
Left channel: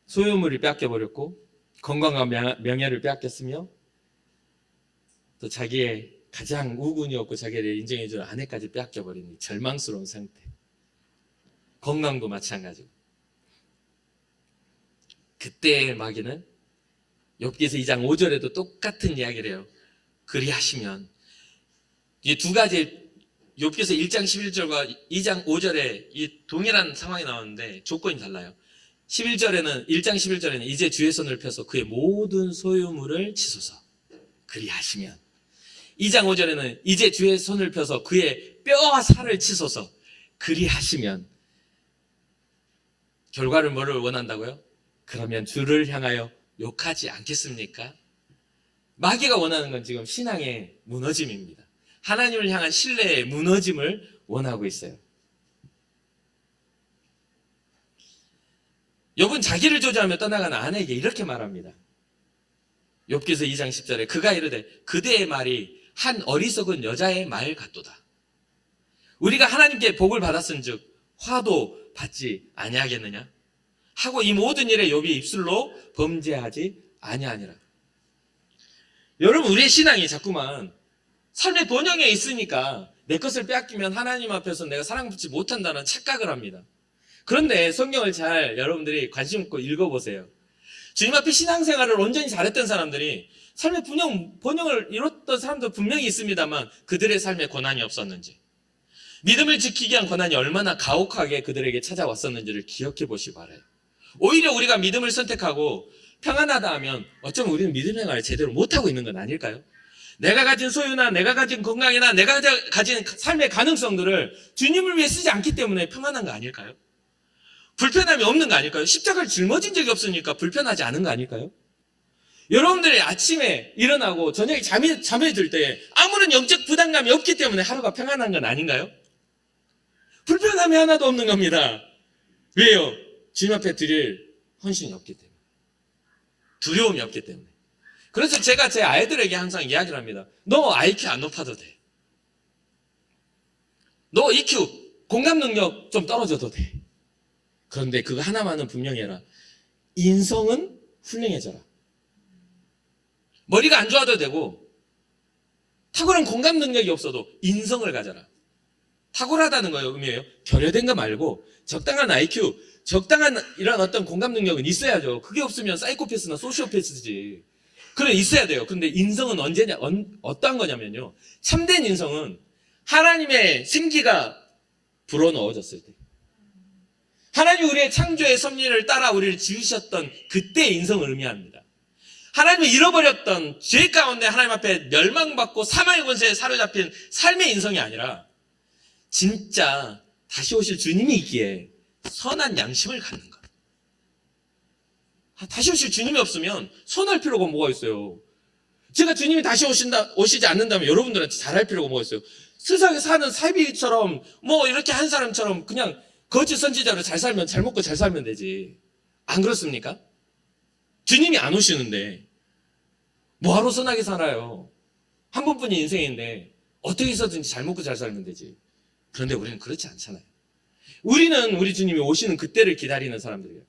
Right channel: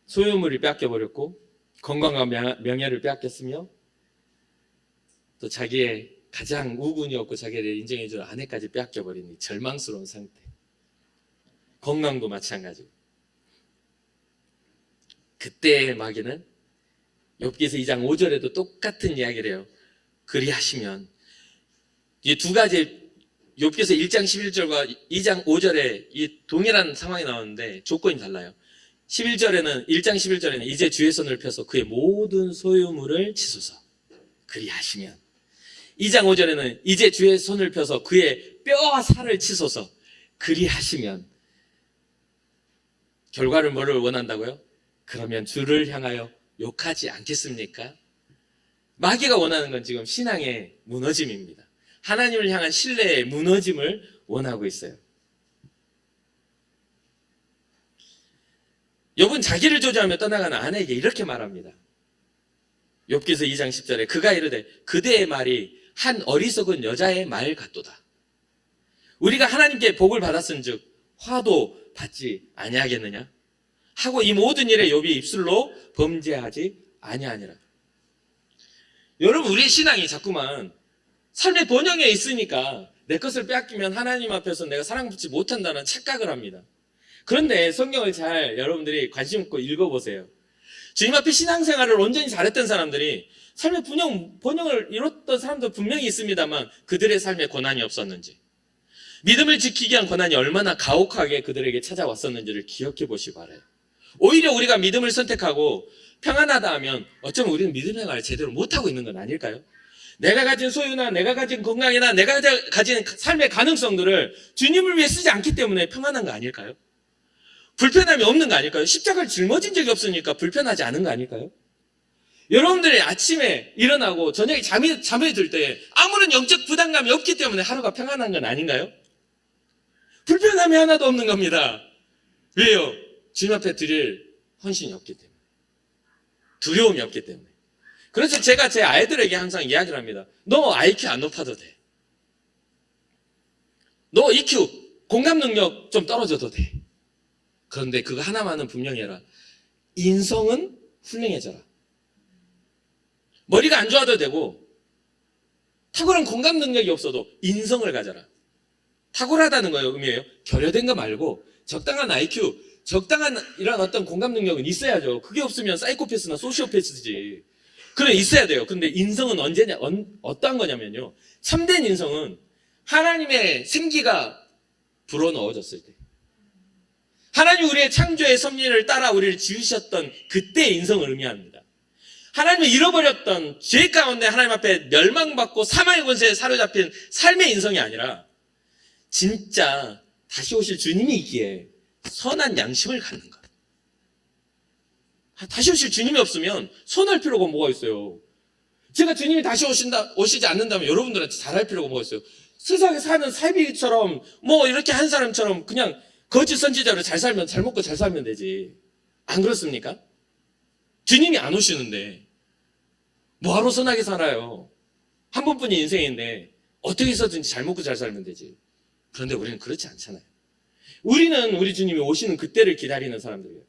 소유물을 뺏겨버렸고 건강과 명예를 빼앗겼으며 또 자기의 가장 우군이 없고 자기를 인정해주는 아내까지 빼앗겨버린 절망스러운 상태. 건강도 마찬가지고. 그때의 마귀는 욥기서 2장 5절에도 똑같은 이야기를 해요. 그리하시면, 이 두 가지, 욥기서 1장 11절과 2장 5절에 이 동일한 상황이 나오는데 조건이 달라요. 11절에는, 1장 11절에는 이제 주의 손을 펴서 그의 모든 소유물을 치소서. 그리하시면. 2장 5절에는 이제 주의 손을 펴서 그의 뼈와 살을 치소서. 그리하시면. 결과를 뭐를 원한다고요? 그러면 주를 향하여 욕하지 않겠습니까? 마귀가 원하는 건 지금 신앙의 무너짐입니다. 하나님을 향한 신뢰의 무너짐을 원하고 있어요. 욥은 자기를 조주하며 떠나가는 아내에게 이렇게 말합니다. 욥기서 2장 10절에 그가 이르되 그대의 말이 한 어리석은 여자의 말 같도다. 우리가 하나님께 복을 받았은즉 화도 받지 아니하겠느냐? 하고 이 모든 일에 욥이 입술로 범죄하지 아니하니라. 여러분, 우리의 신앙이 자꾸만 삶의 번영에 있으니까 내 것을 빼앗기면 하나님 앞에서 내가 사랑받지 못한다는 착각을 합니다. 그런데 성경을 잘 여러분들이 관심 있고 읽어보세요. 주님 앞에 신앙생활을 온전히 잘했던 사람들이 삶의 번영을 이뤘던 사람도 분명히 있습니다만 그들의 삶에 고난이 없었는지, 믿음을 지키기 위한 고난이 얼마나 가혹하게 그들에게 찾아왔었는지를 기억해 보시기 바라요. 오히려 우리가 믿음을 선택하고 평안하다 하면 어쩌면 우리는 믿음 생활을 제대로 못하고 있는 건 아닐까요? 내가 가진 소유나 내가 가진 건강이나 내가 가진 삶의 가능성들을 주님을 위해 쓰지 않기 때문에 평안한 거 아닐까요? 불편함이 없는 거 아닐까요? 십자가를 짊어진 적이 없으니까 불편하지 않은 거 아닐까요? 여러분들이 아침에 일어나고 저녁에 잠이 들 때 아무런 영적 부담감이 없기 때문에 하루가 평안한 건 아닌가요? 불편함이 하나도 없는 겁니다. 왜요? 주님 앞에 드릴 헌신이 없기 때문에, 두려움이 없기 때문에. 그래서 제가 제 아이들에게 항상 이야기를 합니다. 너 IQ 안 높아도 돼. 너 EQ 공감 능력 좀 떨어져도 돼. 그런데 그거 하나만은 분명히 해라. 인성은 훌륭해져라. 머리가 안 좋아도 되고 탁월한 공감 능력이 없어도 인성을 가져라. 탁월하다는 거예요, 의미예요. 결여된 거 말고 적당한 IQ, 적당한 이런 어떤 공감 능력은 있어야죠. 그게 없으면 사이코패스나 소시오패스지. 그래, 있어야 돼요. 근데 인성은 언제냐, 어떤 거냐면요. 참된 인성은 하나님의 생기가 불어넣어졌을 때. 하나님이 우리의 창조의 섭리를 따라 우리를 지으셨던 그때의 인성을 의미합니다. 하나님이 잃어버렸던 죄 가운데 하나님 앞에 멸망받고 사망의 권세에 사로잡힌 삶의 인성이 아니라 진짜 다시 오실 주님이 있기에 선한 양심을 갖는 것. 다시 오실 주님이 없으면 선할 필요가 뭐가 있어요. 제가 주님이 다시 오시지 않는다면 여러분들한테 잘할 필요가 뭐가 있어요. 세상에 사는 삶이처럼 뭐 이렇게 한 사람처럼 그냥 거짓 선지자로 잘 살면, 잘 먹고 잘 살면 되지. 안 그렇습니까? 주님이 안 오시는데 뭐하러 선하게 살아요. 한 번뿐인 인생인데 어떻게 해서든지 잘 먹고 잘 살면 되지. 그런데 우리는 그렇지 않잖아요. 우리는 우리 주님이 오시는 그때를 기다리는 사람들이에요.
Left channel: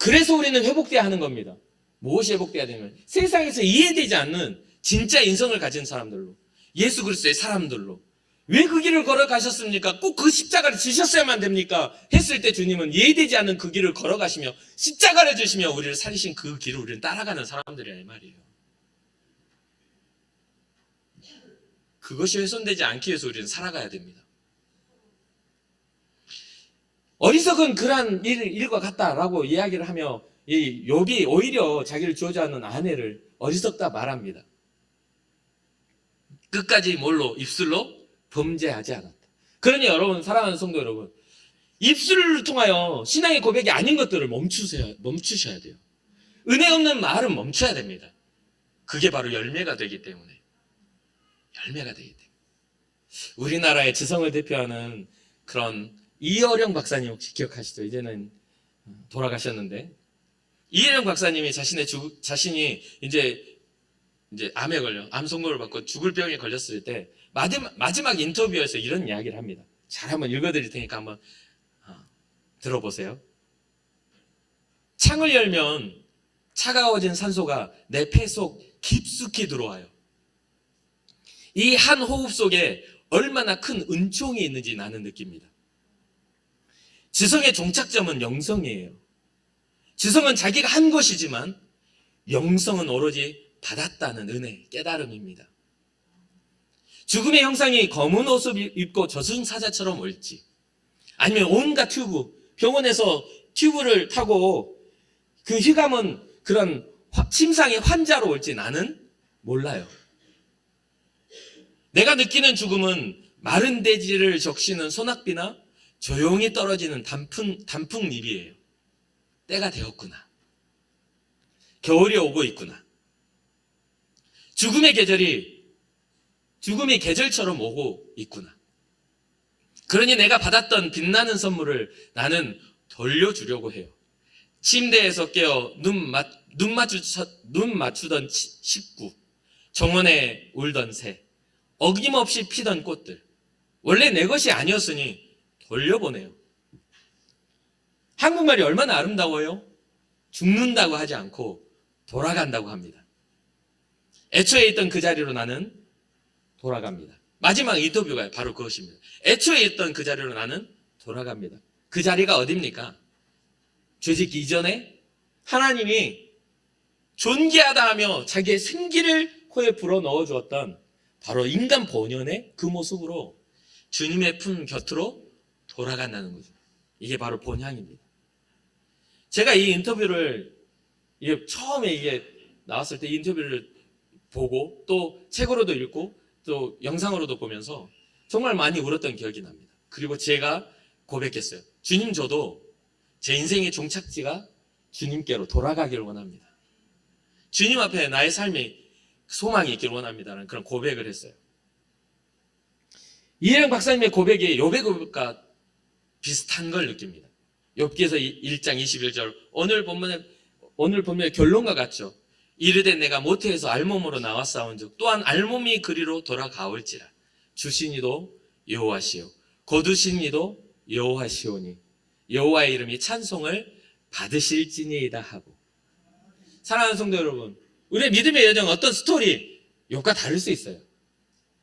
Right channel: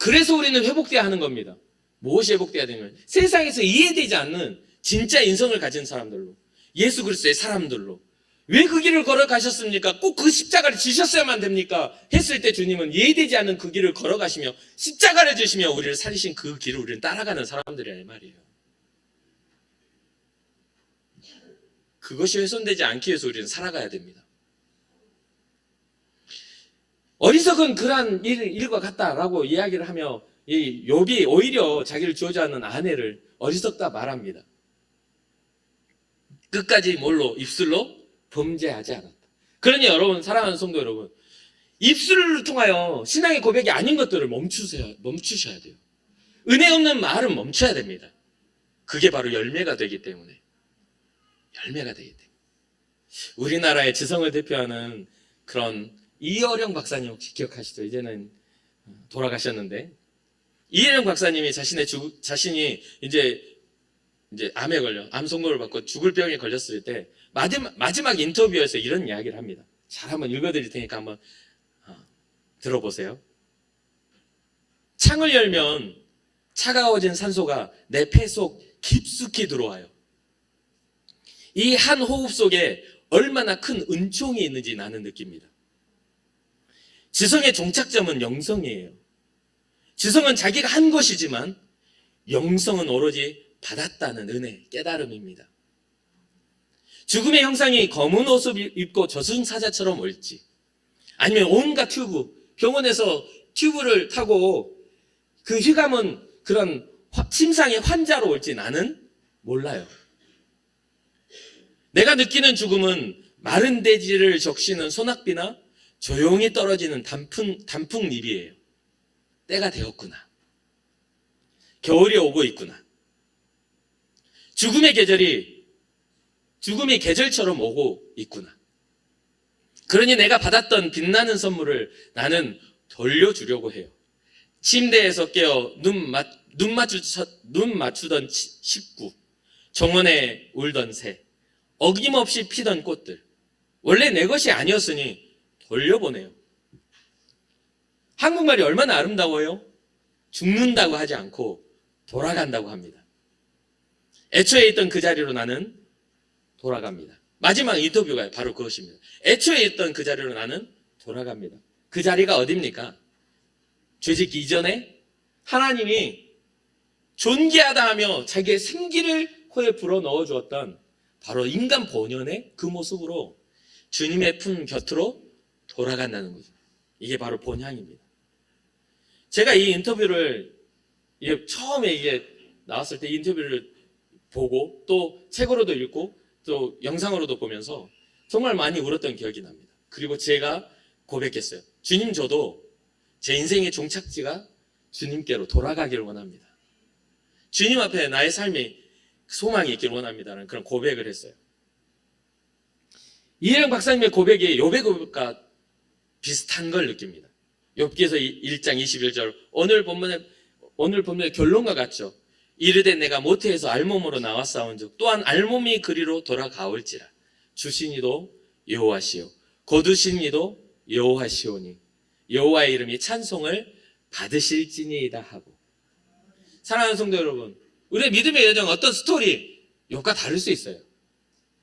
그래서 우리는 회복돼야 하는 겁니다. 무엇이 회복돼야 되냐면 세상에서 이해되지 않는 진짜 인성을 가진 사람들로, 예수 그리스도의 사람들로. 왜 그 길을 걸어가셨습니까? 꼭 그 십자가를 지셨어야만 됩니까? 했을 때 주님은 이해되지 않는 그 길을 걸어가시며 십자가를 지시며 우리를 살리신 그 길을 우리는 따라가는 사람들이야 이 말이에요. 그것이 훼손되지 않기 위해서 우리는 살아가야 됩니다. 어리석은 그러한 일과 같다라고 이야기를 하며 이 욥이 오히려 자기를 저주하는 아내를 어리석다 말합니다. 끝까지 뭘로? 입술로 범죄하지 않았다. 그러니 여러분, 사랑하는 성도 여러분, 입술을 통하여 신앙의 고백이 아닌 것들을 멈추셔야 돼요. 은혜 없는 말은 멈춰야 됩니다. 그게 바로 열매가 되기 때문에. 열매가 되기 때문에. 우리나라의 지성을 대표하는 그런 이어령 박사님 혹시 기억하시죠? 이제는 돌아가셨는데, 이어령 박사님이 자신이 이제 암에 걸려, 암 선고를 받고 죽을 병에 걸렸을 때 마지막 인터뷰에서 이런 이야기를 합니다. 잘 한번 읽어드릴 테니까 한번 들어보세요. 창을 열면 차가워진 산소가 내 폐 속 깊숙이 들어와요. 이 한 호흡 속에 얼마나 큰 은총이 있는지 나는 느낍니다. 지성의 종착점은 영성이에요. 지성은 자기가 한 것이지만 영성은 오로지 받았다는 은혜, 깨달음입니다. 죽음의 형상이 검은 옷을 입고 저승사자처럼 올지, 아니면 온갖 병원에서 튜브를 타고 그 휘감은 그런 침상의 환자로 올지 나는 몰라요. 내가 느끼는 죽음은 마른 대지를 적시는 소낙비나 조용히 떨어지는 단풍잎이에요. 때가 되었구나. 겨울이 오고 있구나. 죽음의 계절처럼 오고 있구나. 그러니 내가 받았던 빛나는 선물을 나는 돌려주려고 해요. 침대에서 깨어 눈 맞추던 식구, 정원에 울던 새, 어김없이 피던 꽃들, 원래 내 것이 아니었으니 돌려보내요. 한국말이 얼마나 아름다워요? 죽는다고 하지 않고 돌아간다고 합니다. 애초에 있던 그 자리로 나는 돌아갑니다. 마지막 인터뷰가 바로 그것입니다. 애초에 있던 그 자리로 나는 돌아갑니다. 그 자리가 어딥니까? 죄짓기 이전에 하나님이 존귀하다 하며 자기의 생기를 코에 불어넣어 주었던 바로 인간 본연의 그 모습으로 주님의 품 곁으로 돌아간다는 거죠. 이게 바로 본향입니다. 제가 이 인터뷰를 처음에 나왔을 때 이 인터뷰를 보고 또 책으로도 읽고 또 영상으로도 보면서 정말 많이 울었던 기억이 납니다. 그리고 제가 고백했어요. 주님, 저도 제 인생의 종착지가 주님께로 돌아가기를 원합니다. 주님 앞에 나의 삶이 소망이 있기를 원합니다라는 그런 고백을 했어요. 이해영 박사님의 고백이 욥의 고백과 비슷한 걸 느낍니다. 욥기에서 1장 21절 오늘 본문의 결론과 같죠. 이르되 내가 모태에서 알몸으로 나왔사온즉 또한 알몸이 그리로 돌아가올지라. 주신이도 여호와시요 거두신 이도 여호와시오니 여호와의 이름이 찬송을 받으실지니이다 하고. 사랑하는 성도 여러분, 우리의 믿음의 여정 어떤 스토리 욥과 다를 수 있어요.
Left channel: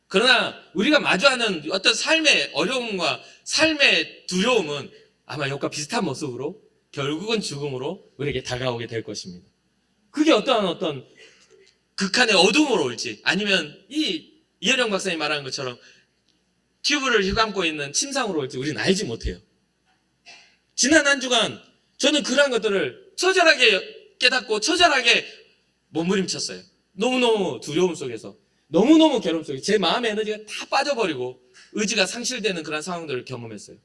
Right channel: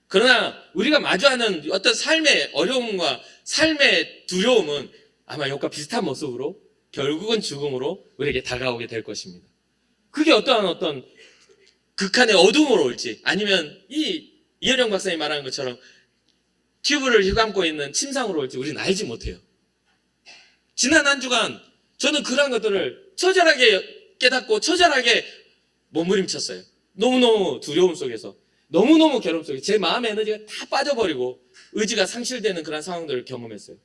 그러나 우리가 마주하는 어떤 삶의 어려움과 삶의 두려움은 아마 욥과 비슷한 모습으로 결국은 죽음으로 우리에게 다가오게 될 것입니다. 그게 어떤 극한의 어둠으로 올지, 아니면 이현영 박사님 말하는 것처럼 튜브를 휘감고 있는 침상으로 올지 우리는 알지 못해요. 지난 한 주간 저는 그러한 것들을 처절하게 깨닫고 처절하게 몸부림쳤어요. 너무너무 두려움 속에서, 너무너무 괴로움 속에서 제 마음의 에너지가 다 빠져버리고 의지가 상실되는 그런 상황들을 경험했어요.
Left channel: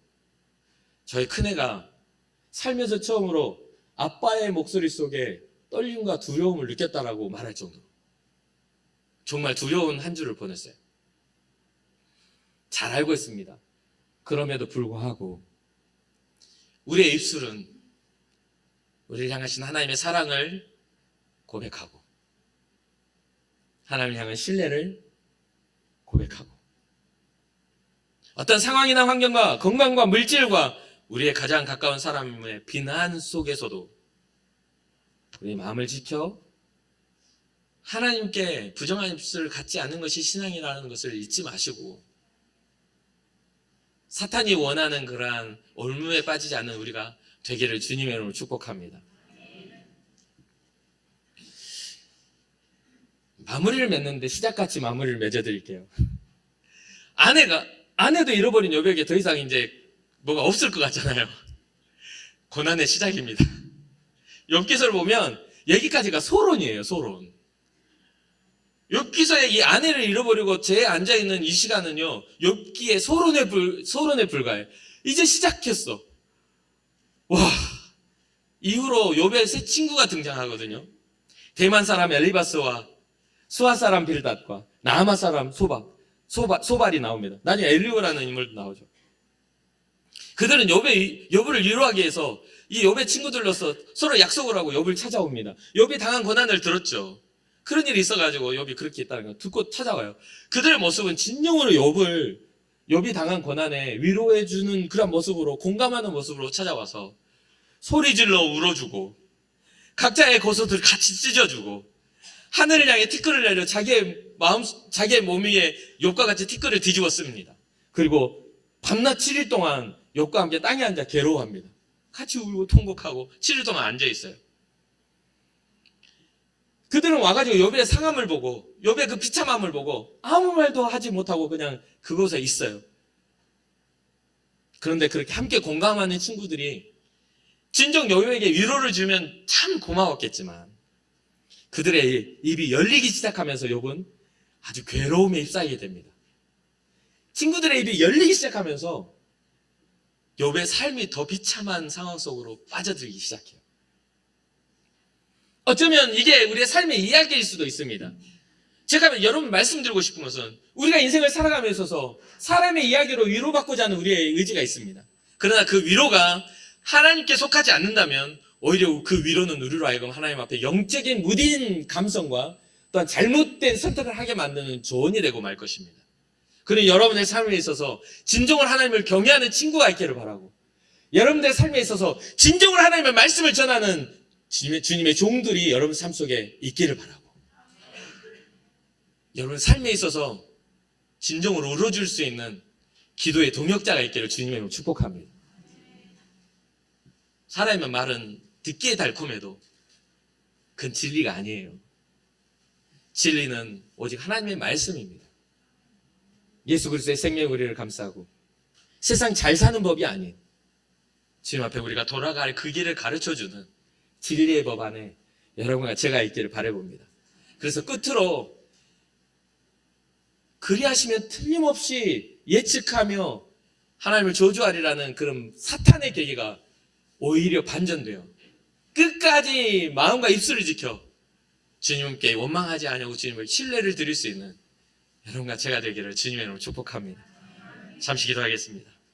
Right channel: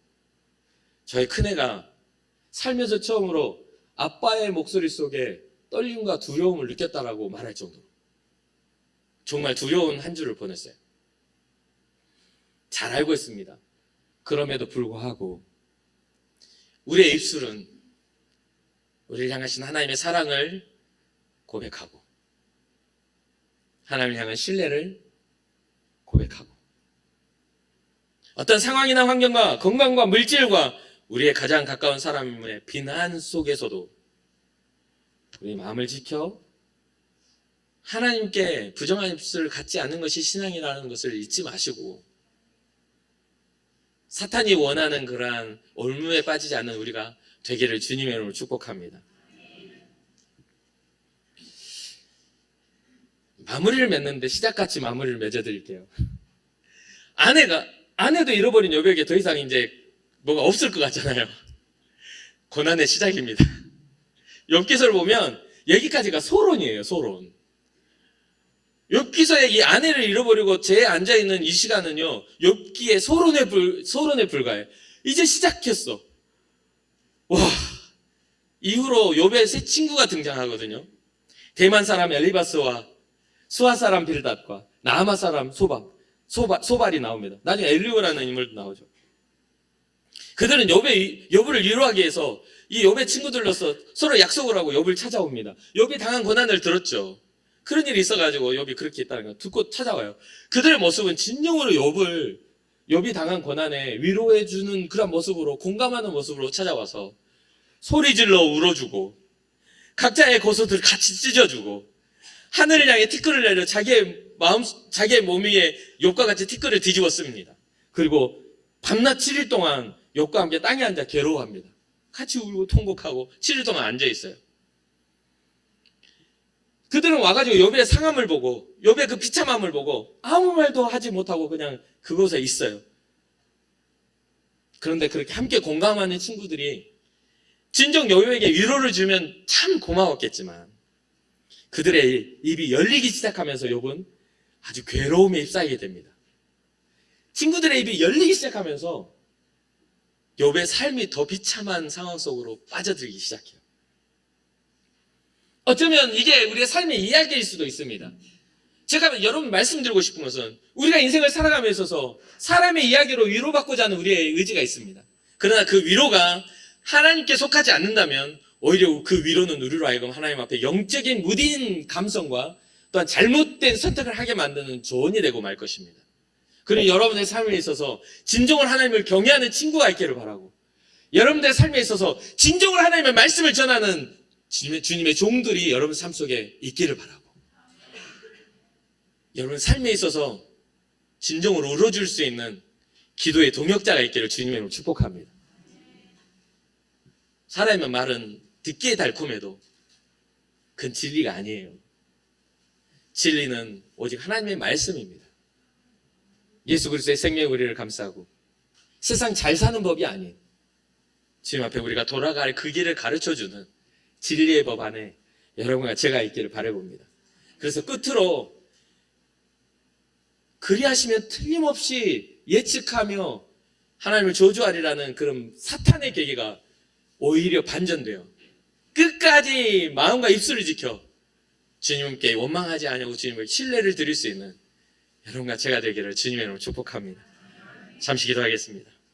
저희 큰애가 살면서 처음으로 아빠의 목소리 속에 떨림과 두려움을 느꼈다라고 말할 정도로 정말 두려운 한 주를 보냈어요. 잘 알고 있습니다. 그럼에도 불구하고 우리의 입술은 우리를 향하신 하나님의 사랑을 고백하고 하나님을 향한 신뢰를 고백하고 어떤 상황이나 환경과 건강과 물질과 우리의 가장 가까운 사람의 비난 속에서도 우리 마음을 지켜 하나님께 부정한 입술을 갖지 않는 것이 신앙이라는 것을 잊지 마시고 사탄이 원하는 그러한 올무에 빠지지 않는 우리가 되기를 주님의 이름으로 축복합니다. 마무리를 맺는데 시작같이 마무리를 맺어드릴게요. 아내도 잃어버린 욥에게 더 이상 이제 뭐가 없을 것 같잖아요. 고난의 시작입니다. 욥기서를 보면 여기까지가 소론이에요. 소론. 욥기서의 이 아내를 잃어버리고 제 앉아있는 이 시간은요, 욥기의 소론에 불과해요. 이제 시작했어. 와, 이후로 욥의 새 친구가 등장하거든요. 대만 사람 엘리바스와 수아 사람 빌닷과 나아마 사람 소발이 나옵니다. 나중에 엘리오라는 인물도 나오죠. 그들은 욥을 위로하기 위해서 이 욥의 친구들로서 서로 약속을 하고 욥을 찾아옵니다. 욥이 당한 고난을 들었죠. 그런 일이 있어가지고 욥이 그렇게 했다는 거 듣고 찾아와요. 그들의 모습은 진정으로 욥이 당한 고난에 위로해주는 그런 모습으로, 공감하는 모습으로 찾아와서 소리질러 울어주고 각자의 고소들을 같이 찢어주고 하늘을 향해 티끌을 내려 자기의 몸 위에 욥과 같이 티끌을 뒤집었습니다. 그리고 밤낮 7일 동안 욥과 함께 땅에 앉아 괴로워합니다. 같이 울고 통곡하고 7일 동안 앉아있어요. 그들은 와가지고 욥의 상함을 보고 욥의 그 비참함을 보고 아무 말도 하지 못하고 그냥 그곳에 있어요. 그런데 그렇게 함께 공감하는 친구들이 진정 욥에게 위로를 주면 참 고마웠겠지만 그들의 입이 열리기 시작하면서 욥은 아주 괴로움에 휩싸이게 됩니다. 친구들의 입이 열리기 시작하면서 욥의 삶이 더 비참한 상황 속으로 빠져들기 시작해요. 어쩌면 이게 우리의 삶의 이야기일 수도 있습니다. 제가 여러분 말씀드리고 싶은 것은 우리가 인생을 살아감에 있어서 사람의 이야기로 위로받고자 하는 우리의 의지가 있습니다. 그러나 그 위로가 하나님께 속하지 않는다면 오히려 그 위로는 우리로 하여금 하나님 앞에 영적인 무딘 감성과 또한 잘못된 선택을 하게 만드는 조언이 되고 말 것입니다. 그리고 여러분의 삶에 있어서 진정으로 하나님을 경외하는 친구가 있기를 바라고 여러분의 삶에 있어서 진정으로 하나님의 말씀을 전하는 주님의 종들이 여러분 삶 속에 있기를 바라고 여러분 삶에 있어서 진정으로 울어줄 수 있는 기도의 동역자가 있기를 주님의 축복합니다. 사람의 말은 듣기에 달콤해도 그건 진리가 아니에요. 진리는 오직 하나님의 말씀입니다. 예수 그리스도의 생명의 우리를 감싸고 세상 잘 사는 법이 아니에요. 주님 앞에 우리가 돌아갈 그 길을 가르쳐주는 진리의 법 안에 여러분과 제가 있기를 바라봅니다. 그래서 끝으로 그리하시면 틀림없이 예측하며 하나님을 저주하리라는 그런 사탄의 계기가 오히려 반전돼요. 끝까지 마음과 입술을 지켜 주님께 원망하지 않냐고 주님을 신뢰를 드릴 수 있는 여러분과 제가 되기를 주님의 이름으로 축복합니다. 잠시 기도하겠습니다.